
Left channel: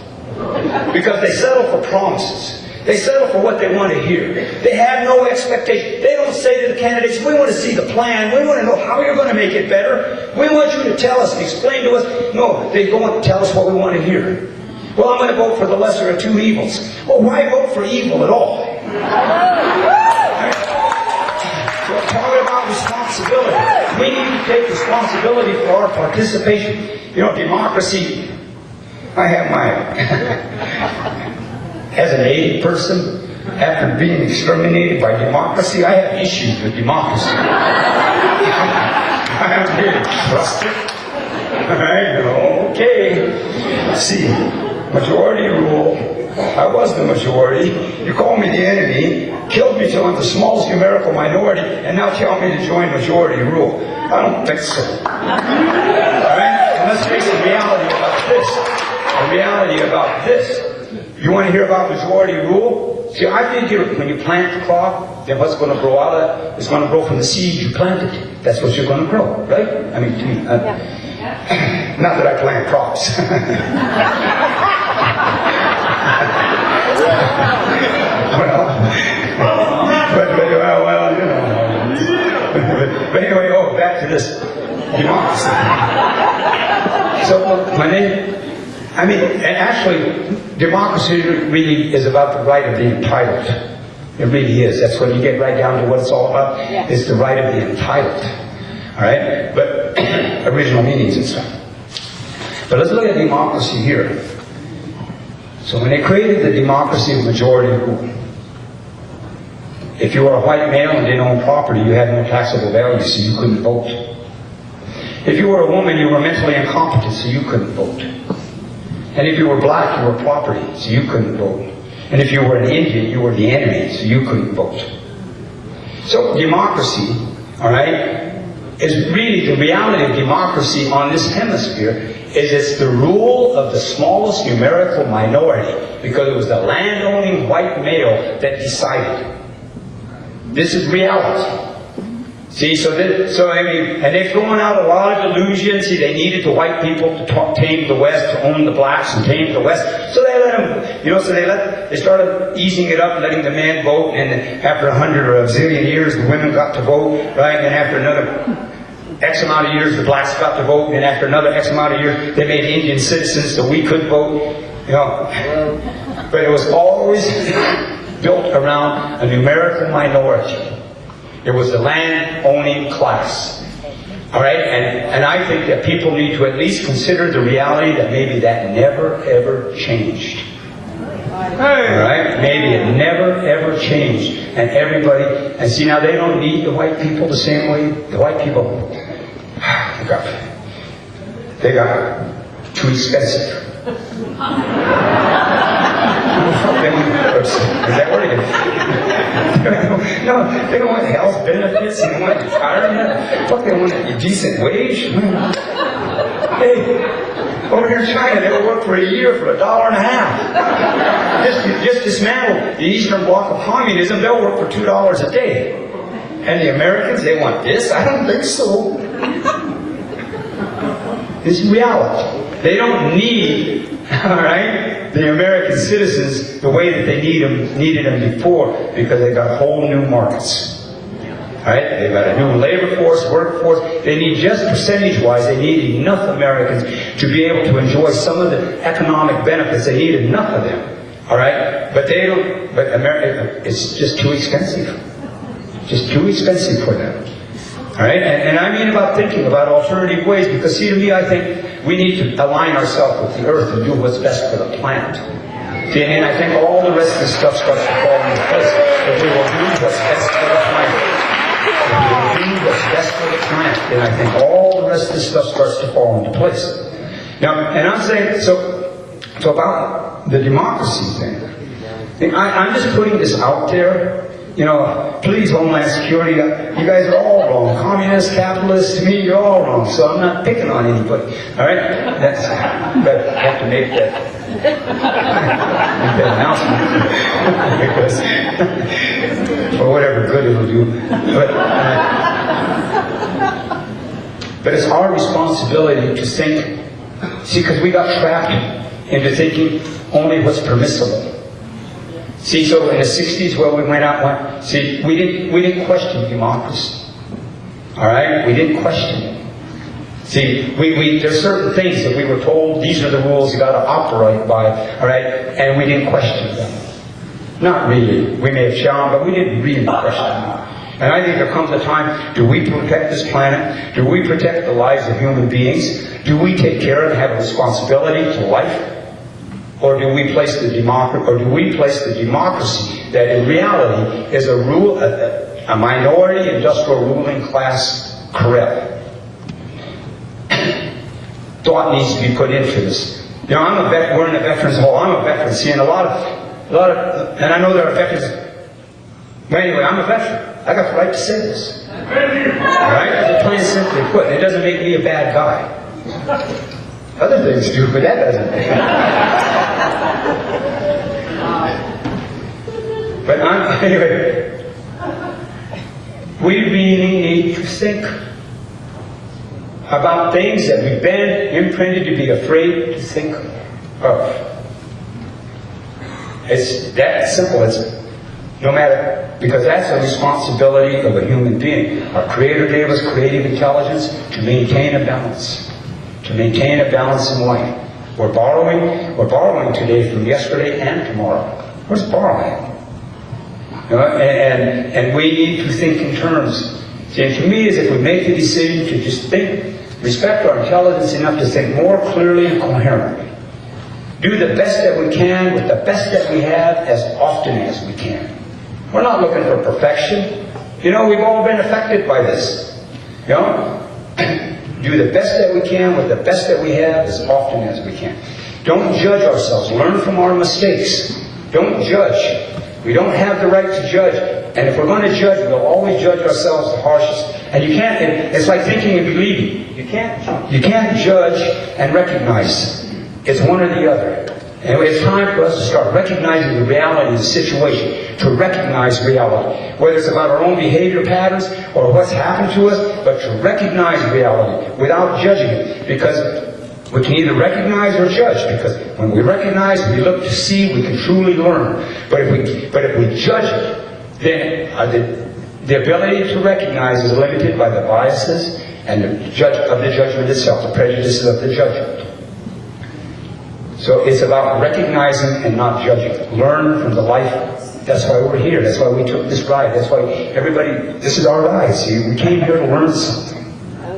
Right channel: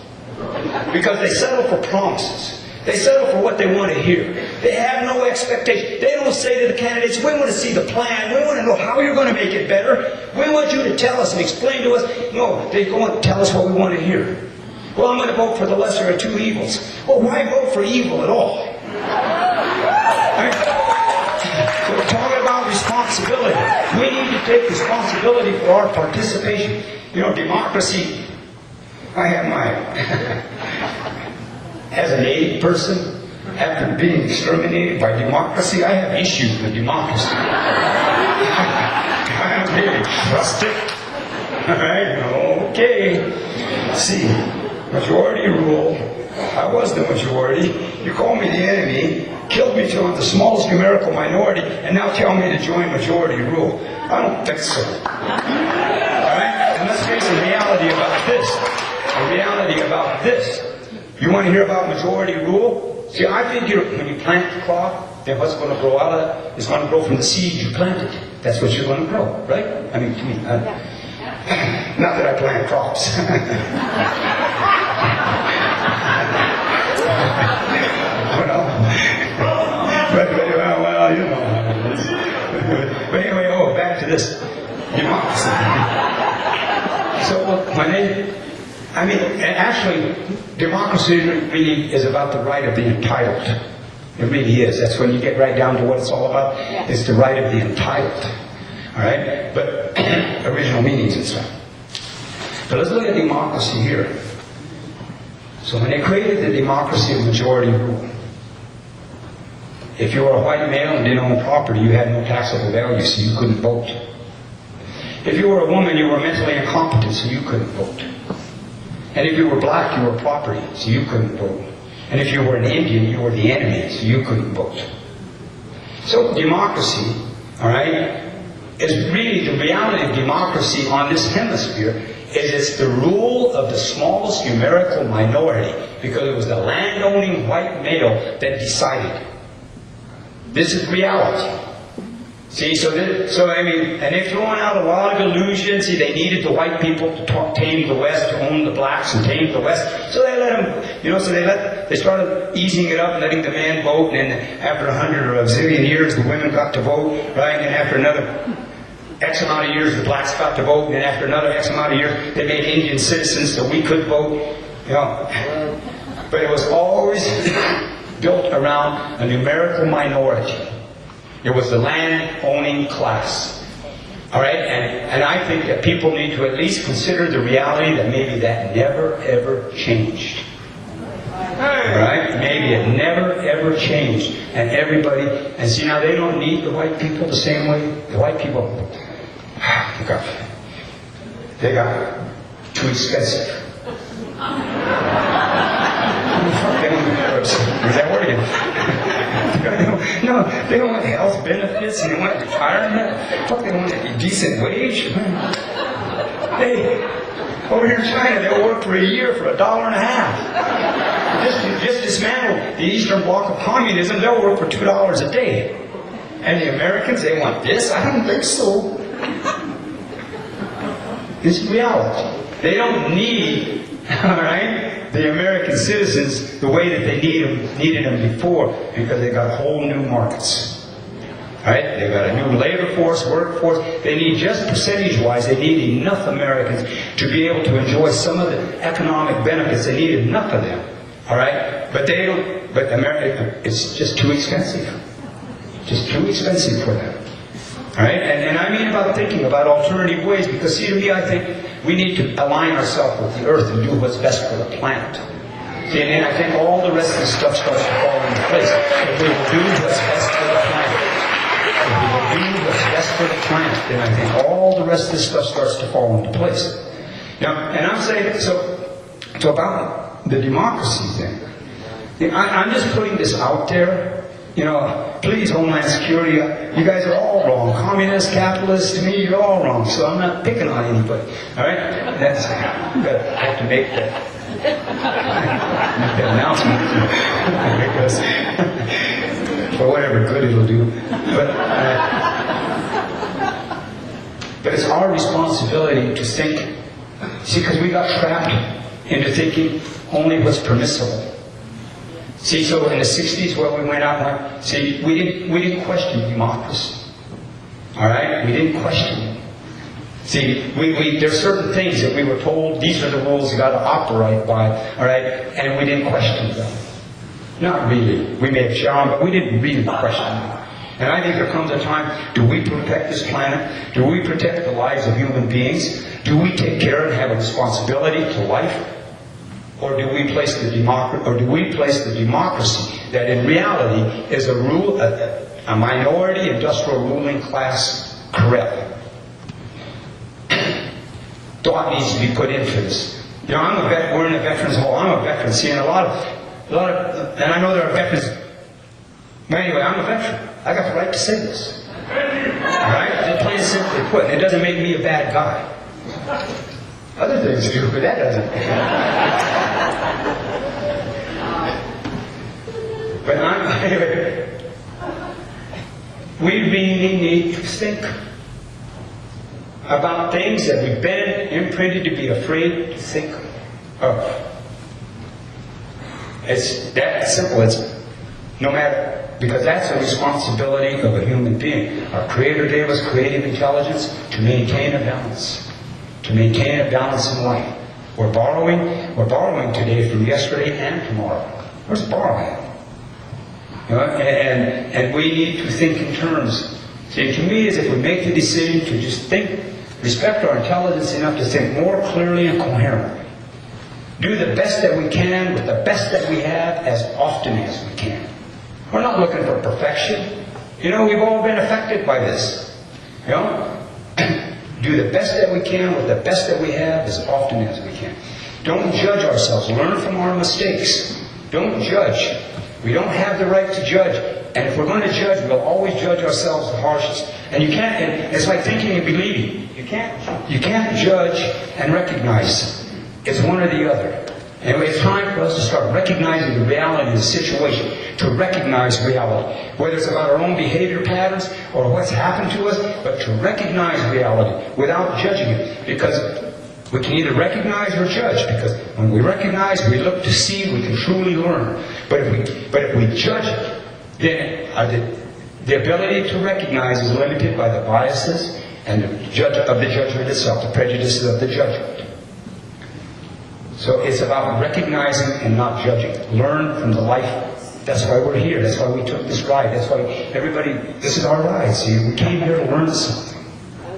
because they settle for promises. They settle for what they want to hear. They have no expectation. They don't say to the candidates, we want to see the plan. We want to know how you're going to make it better. We want you to tell us and explain to us. No, they go and tell us what we want to hear. Well, I'm going to vote for the lesser of two evils. Well, why vote for evil at all? Right? So we're talking about responsibility. We need to take responsibility for our participation. You know, democracy, I have my... As a Native person, after being exterminated by democracy, I have issues with democracy. I really trust it. Okay. See, majority rule. I was the majority. You call me the enemy, killed me till I'm the smallest numerical minority, and now tell me to join majority rule. I don't think so. All right? And let's face a reality about this. A reality about this. You want to hear about majority rule? See, I figure when you plant the crop, then what's going to grow out of it is going to grow from the seed you planted. That's what you're going to grow, right? I mean, not that I plant crops. well, you know how it is. But anyway, back to this democracy. So actually, democracy really is about the right of the entitled. It really is. That's when you get right down to what it's all about. It's the right of the entitled. All right? But original meanings and stuff. But let's look at democracy here. So when they created the democracy of majority rule, If you were a white male and didn't own property, you had no taxable value, so you couldn't vote. If you were a woman, you were mentally incompetent, so you couldn't vote. And if you were black, you were property, so you couldn't vote. And if you were an Indian, you were the enemy, so you couldn't vote. So democracy, all right, is really the reality of democracy on this hemisphere is it's the rule of the smallest numerical minority because it was the landowning white male that decided. This is reality. See, so I mean, and they've thrown out a lot of illusions. See, they needed the white people to tame the West, to own the blacks and tame the West. So they let them, so they started easing it up and letting the men vote. And then after 100 or a zillion years, the women got to vote, right? And then after another X amount of years, the blacks got to vote. And after another X amount of years, they made Indian citizens so we could vote, But it was always built around a numerical minority. It was the land-owning class. All right? And I think that people need to at least consider the reality that maybe that never, ever changed. All right? Maybe it never, ever changed. And everybody, and see, now they don't need the white people the same way. The white people, they got too expensive. Is that word again? No, they want health benefits and they want retirement. Fuck, they want a decent wage. Hey, over here in China, they'll work for a year for $1.50. Just dismantle the Eastern Bloc of communism, they'll work for $2 a day. And the Americans, they want this? I don't think so. It's reality. They don't need, all right, the American citizens the way that they needed them before because they got whole new markets. All right, they got a new labor force, workforce. They need just percentage-wise, they need enough Americans to be able to enjoy some of the economic benefits. They need enough of them. All right, but they don't. But America, it's just too expensive. Just too expensive for them. All right, and I mean about thinking about alternative ways, because see, to me, I think we need to align ourselves with the earth and do what's best for the planet. See, and I think all the rest of this stuff starts to fall into place. If we will do what's best for the planet, if we will do what's best for the planet, then I think all the rest of this stuff starts to fall into place. Now, and I'm saying, so about the democracy thing, I'm just putting this out there. Please, Homeland Security, you guys are all wrong. Communists, capitalists, to me, you're all wrong. So I'm not picking on anybody. All right? That's, but I have to make that announcement. For whatever good it'll do. But it's our responsibility to think. See, because we got trapped into thinking only what's permissible. See, so in the 60s where we went out, see, we didn't question democracy. All right? We didn't question it. See, there's certain things that we were told, these are the rules you got to operate by, all right? And we didn't question them. Not really. We may have shown, but we didn't really question them. And I think there comes a time, do we protect this planet? Do we protect the lives of human beings? Do we take care and have a responsibility to life? Or do we place the democracy that in reality is a minority industrial ruling class corral? Thought needs to be put into this. We're in a veterans hall. I'm a veteran. See, and a lot of, and I know there are veterans. But anyway, I'm a veteran. I got the right to say this. All right, just plain and simply put. It doesn't make me a bad guy. Other things do, but that doesn't. But anyway, we really need to think about things that we've been imprinted to be afraid to think of. It's that simple. It's no matter, because that's a responsibility of a human being. Our Creator gave us creative intelligence to maintain a balance. To maintain a balance in life. We're borrowing today from yesterday and tomorrow. We're borrowing. And we need to think in terms. And to me, is if we make the decision to just think, respect our intelligence enough to think more clearly and coherently. Do the best that we can with the best that we have as often as we can. We're not looking for perfection. You know, we've all been affected by this. You know? Do the best that we can with the best that we have as often as we can. Don't judge ourselves. Learn from our mistakes. Don't judge. We don't have the right to judge. And if we're going to judge, we'll always judge ourselves the harshest. And you can't, it's like thinking and believing. You can't judge and recognize. It's one or the other. And it's time for us to start recognizing the reality of the situation, to recognize reality, whether it's about our own behavior patterns or what's happened to us, but to recognize reality without judging it. Because we can either recognize or judge, because when we recognize, we look to see, we can truly learn. But if we judge it, then the ability to recognize is limited by the biases and the judgment itself, the prejudices of the judgment. So it's about recognizing and not judging. Learn from the life. That's why we're here. That's why we took this ride. That's why everybody, this is our ride. See, we came here to learn something.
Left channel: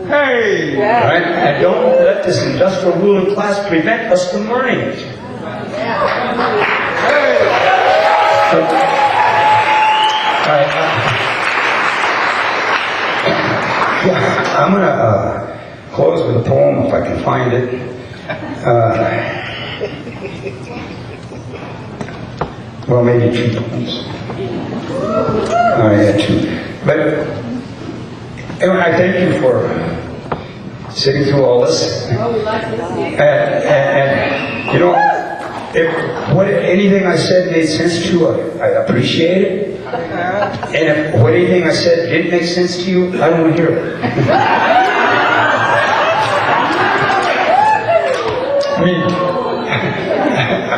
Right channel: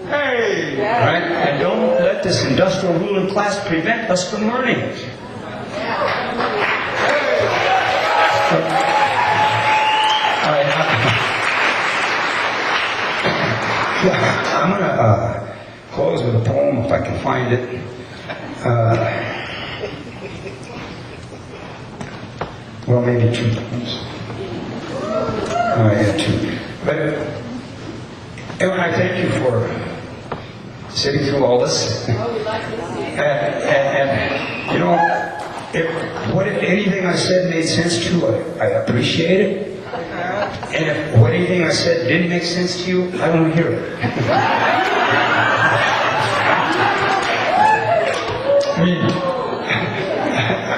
Hey! Right? And don't let this industrial ruling class prevent us from learning. I'm going to close with a poem if I can find it. Well, maybe two poems. Yeah, two. But Evan, I thank you for sitting through all this. And you know, if anything I said made sense to you, I appreciate it. And if anything I said didn't make sense to you, I don't want to hear it.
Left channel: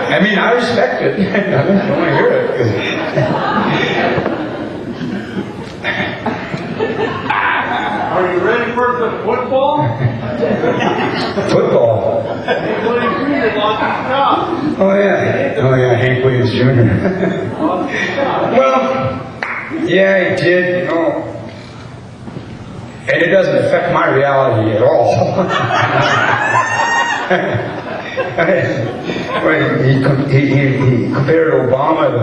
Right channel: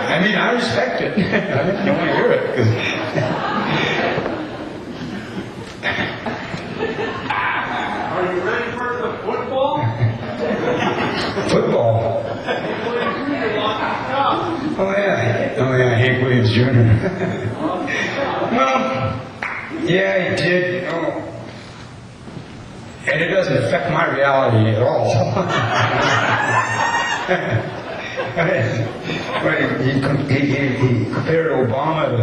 I mean, I respect it. I don't want to hear it. Are you ready for the football? Football. Oh yeah, Hank Williams Jr. Well, yeah, he did, you know. And it doesn't affect my reality at all. He compared Obama to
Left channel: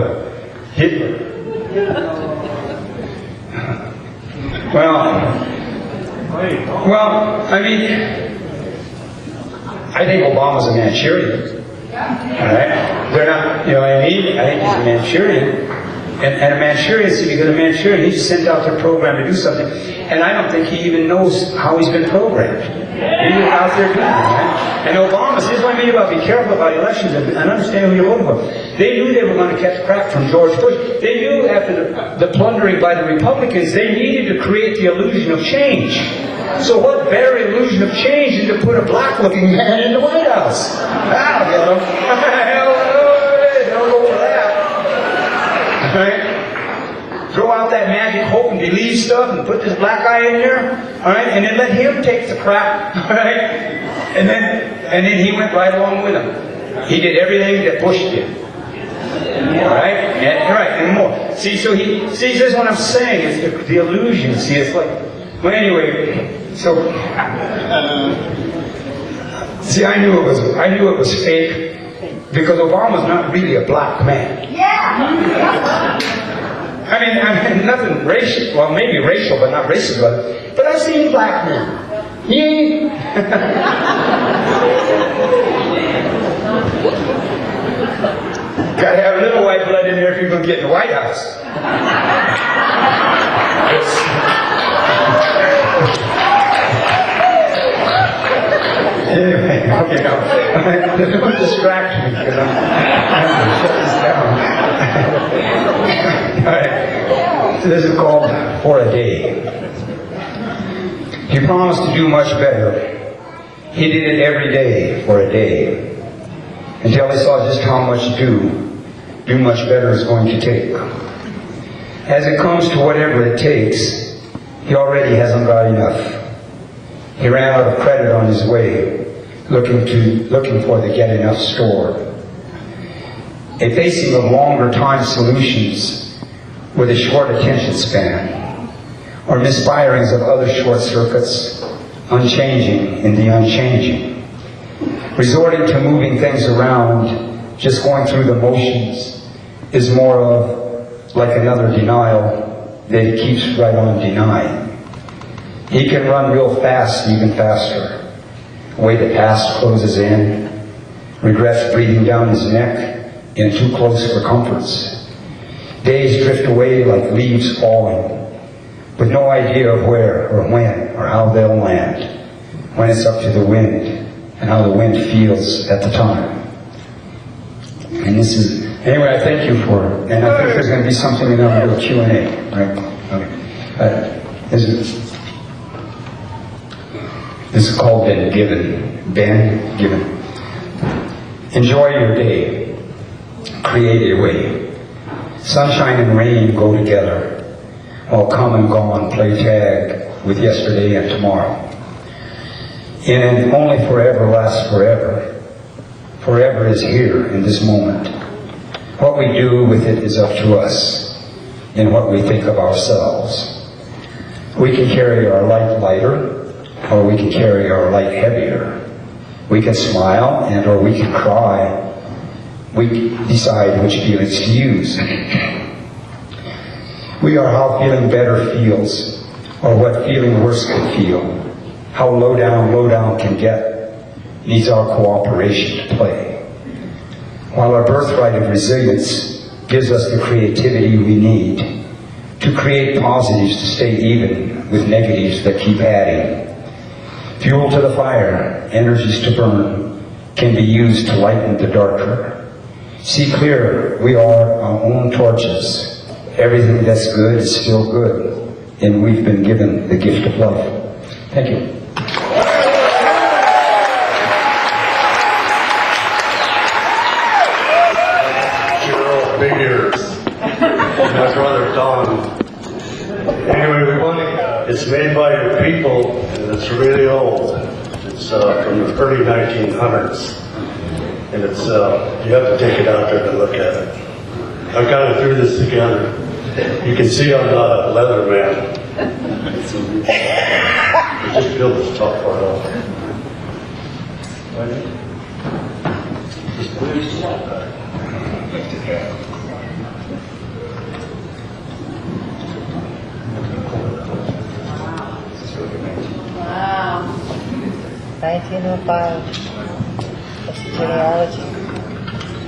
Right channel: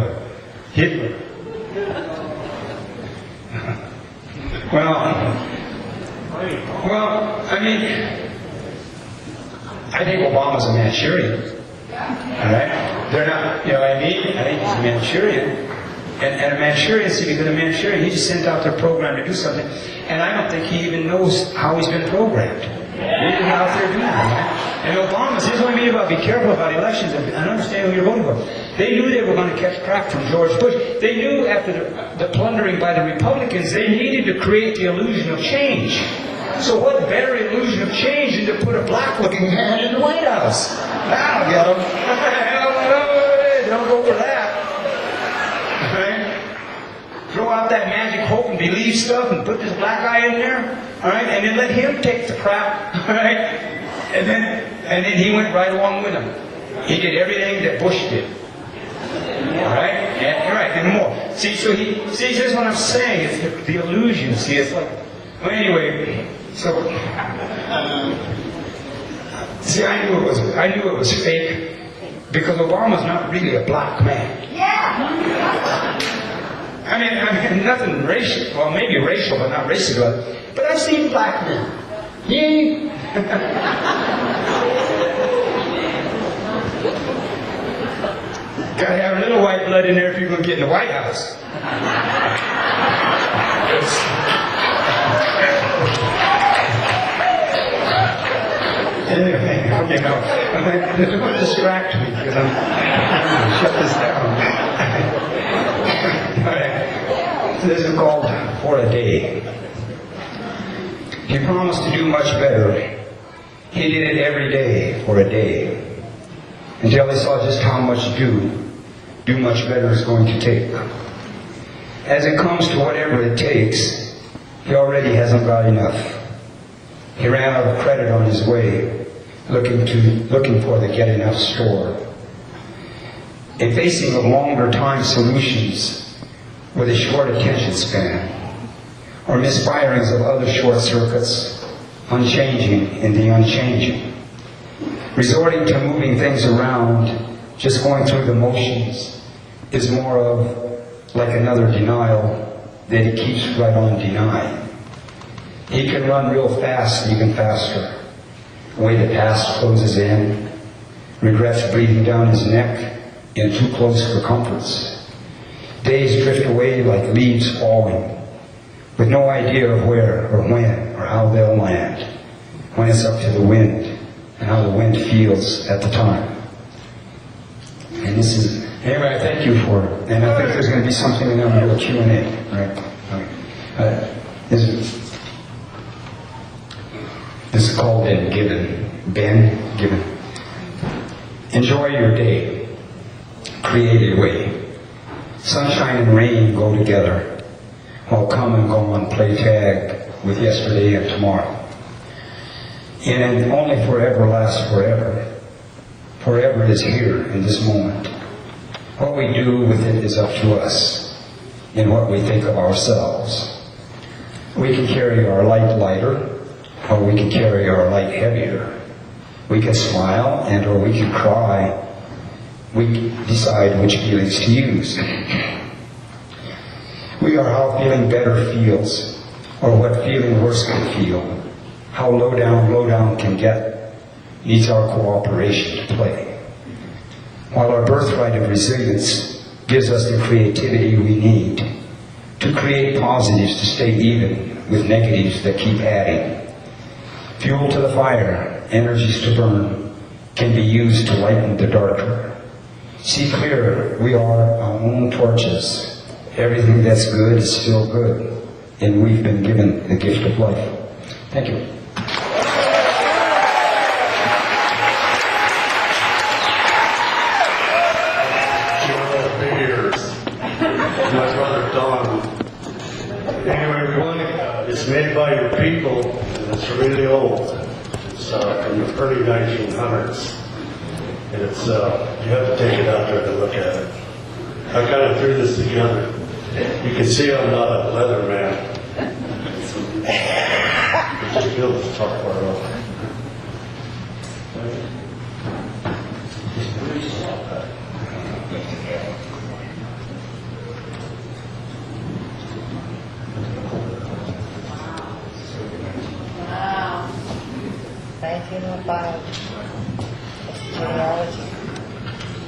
Hitler. Well, I mean, I think Obama's a Manchurian. All right? They're not, you know what I mean? I think he's a Manchurian. And a Manchurian, see, because a Manchurian, he just sent out their program to do something. And I don't think he even knows how he's been programmed. He's even out there doing it, right? And Obama's, this is what I mean about be careful about elections and understand who you're voting for. They knew they were going to catch crack from George Bush. They knew after the plundering by the Republicans, they needed to create the illusion of change. So what better illusion of change than to put a black-looking man in the White House? That'll get them. Don't go for that. Right? Throw out that magic hope and believe stuff and put this black guy in there. All right? And then let him take the crap. All right? And then he went right along with him. He did everything that Bush did. All right? And more. See, so this is what I'm saying. It's the illusion. See, it's like, well, anyway, so, see, I knew it was fake because Obama's not really a black man. I mean, nothing racial. Well, maybe racial, but not racist. But I've seen black men. He ain't. Gotta have a little white blood in there if you're going to get in the White House. Anyway, okay, now, don't distract me because I'm trying to shut this down. All right, so this is called For a Day. He promised to do much better. He did it every day for a day, until he saw just how much do much better is going to take. As it comes to whatever it takes, he already hasn't got enough. He ran out of credit on his way, looking for the get enough store. A facing of longer time solutions with a short attention span, or misfirings of other short circuits, unchanging in the unchanging. Resorting to moving things around, just going through the motions, is more of like another denial that he keeps right on denying. He can run real fast, even faster. The way the past closes in, regrets breathing down his neck in too close for comforts. Days drift away like leaves falling, with no idea of where or when or how they'll land, when it's up to the wind and how the wind feels at the time. And this is, anyway, I thank you for it. And I think there's going to be something in our little Q&A, right? This is called Been Given. Been Given. Enjoy your day. Create a way. Sunshine and rain go together, while come and gone play tag with yesterday and tomorrow. And only forever lasts forever. Forever is here in this moment. What we do with it is up to us, in what we think of ourselves. We can carry our light lighter, or we can carry our light heavier. We can smile and or we can cry. We decide which feelings to use. We are how feeling better feels, or what feeling worse can feel. How low down can get needs our cooperation to play. While our birthright of resilience gives us the creativity we need to create positives to stay even with negatives that keep adding. Fuel to the fire, energies to burn, can be used to lighten the darker. See clear, we are our own torches. Everything that's good is still good, and we've been given the gift of life. Thank you. Anyway, it's made by the people, and it's really old. It's from the early 1900s. And it's, you have to take it out there to look at it. I kind of threw this together. You can see I'm not a leather man. Just feel the software out.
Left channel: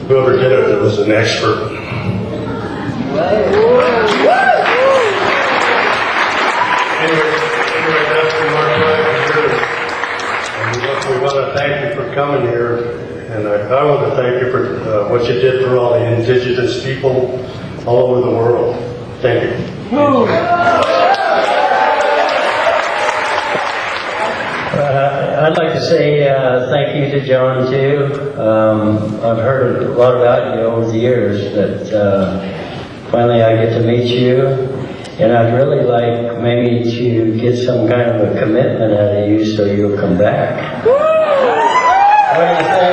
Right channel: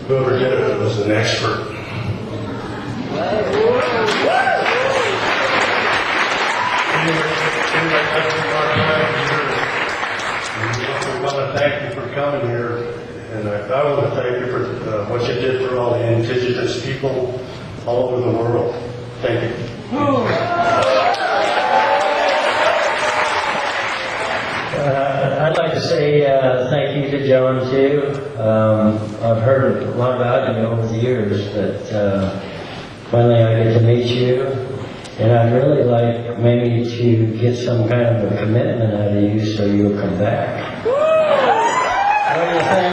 Whoever did it was an expert. We want to thank you for coming here, and I want to thank you for what you did for all the indigenous people all over the world. Thank you. I'd like to say thank you to John too. I've heard a lot about you over the years, but finally I get to meet you. And I'd really like maybe to get some kind of a commitment out of you so you'll come back. What do you think?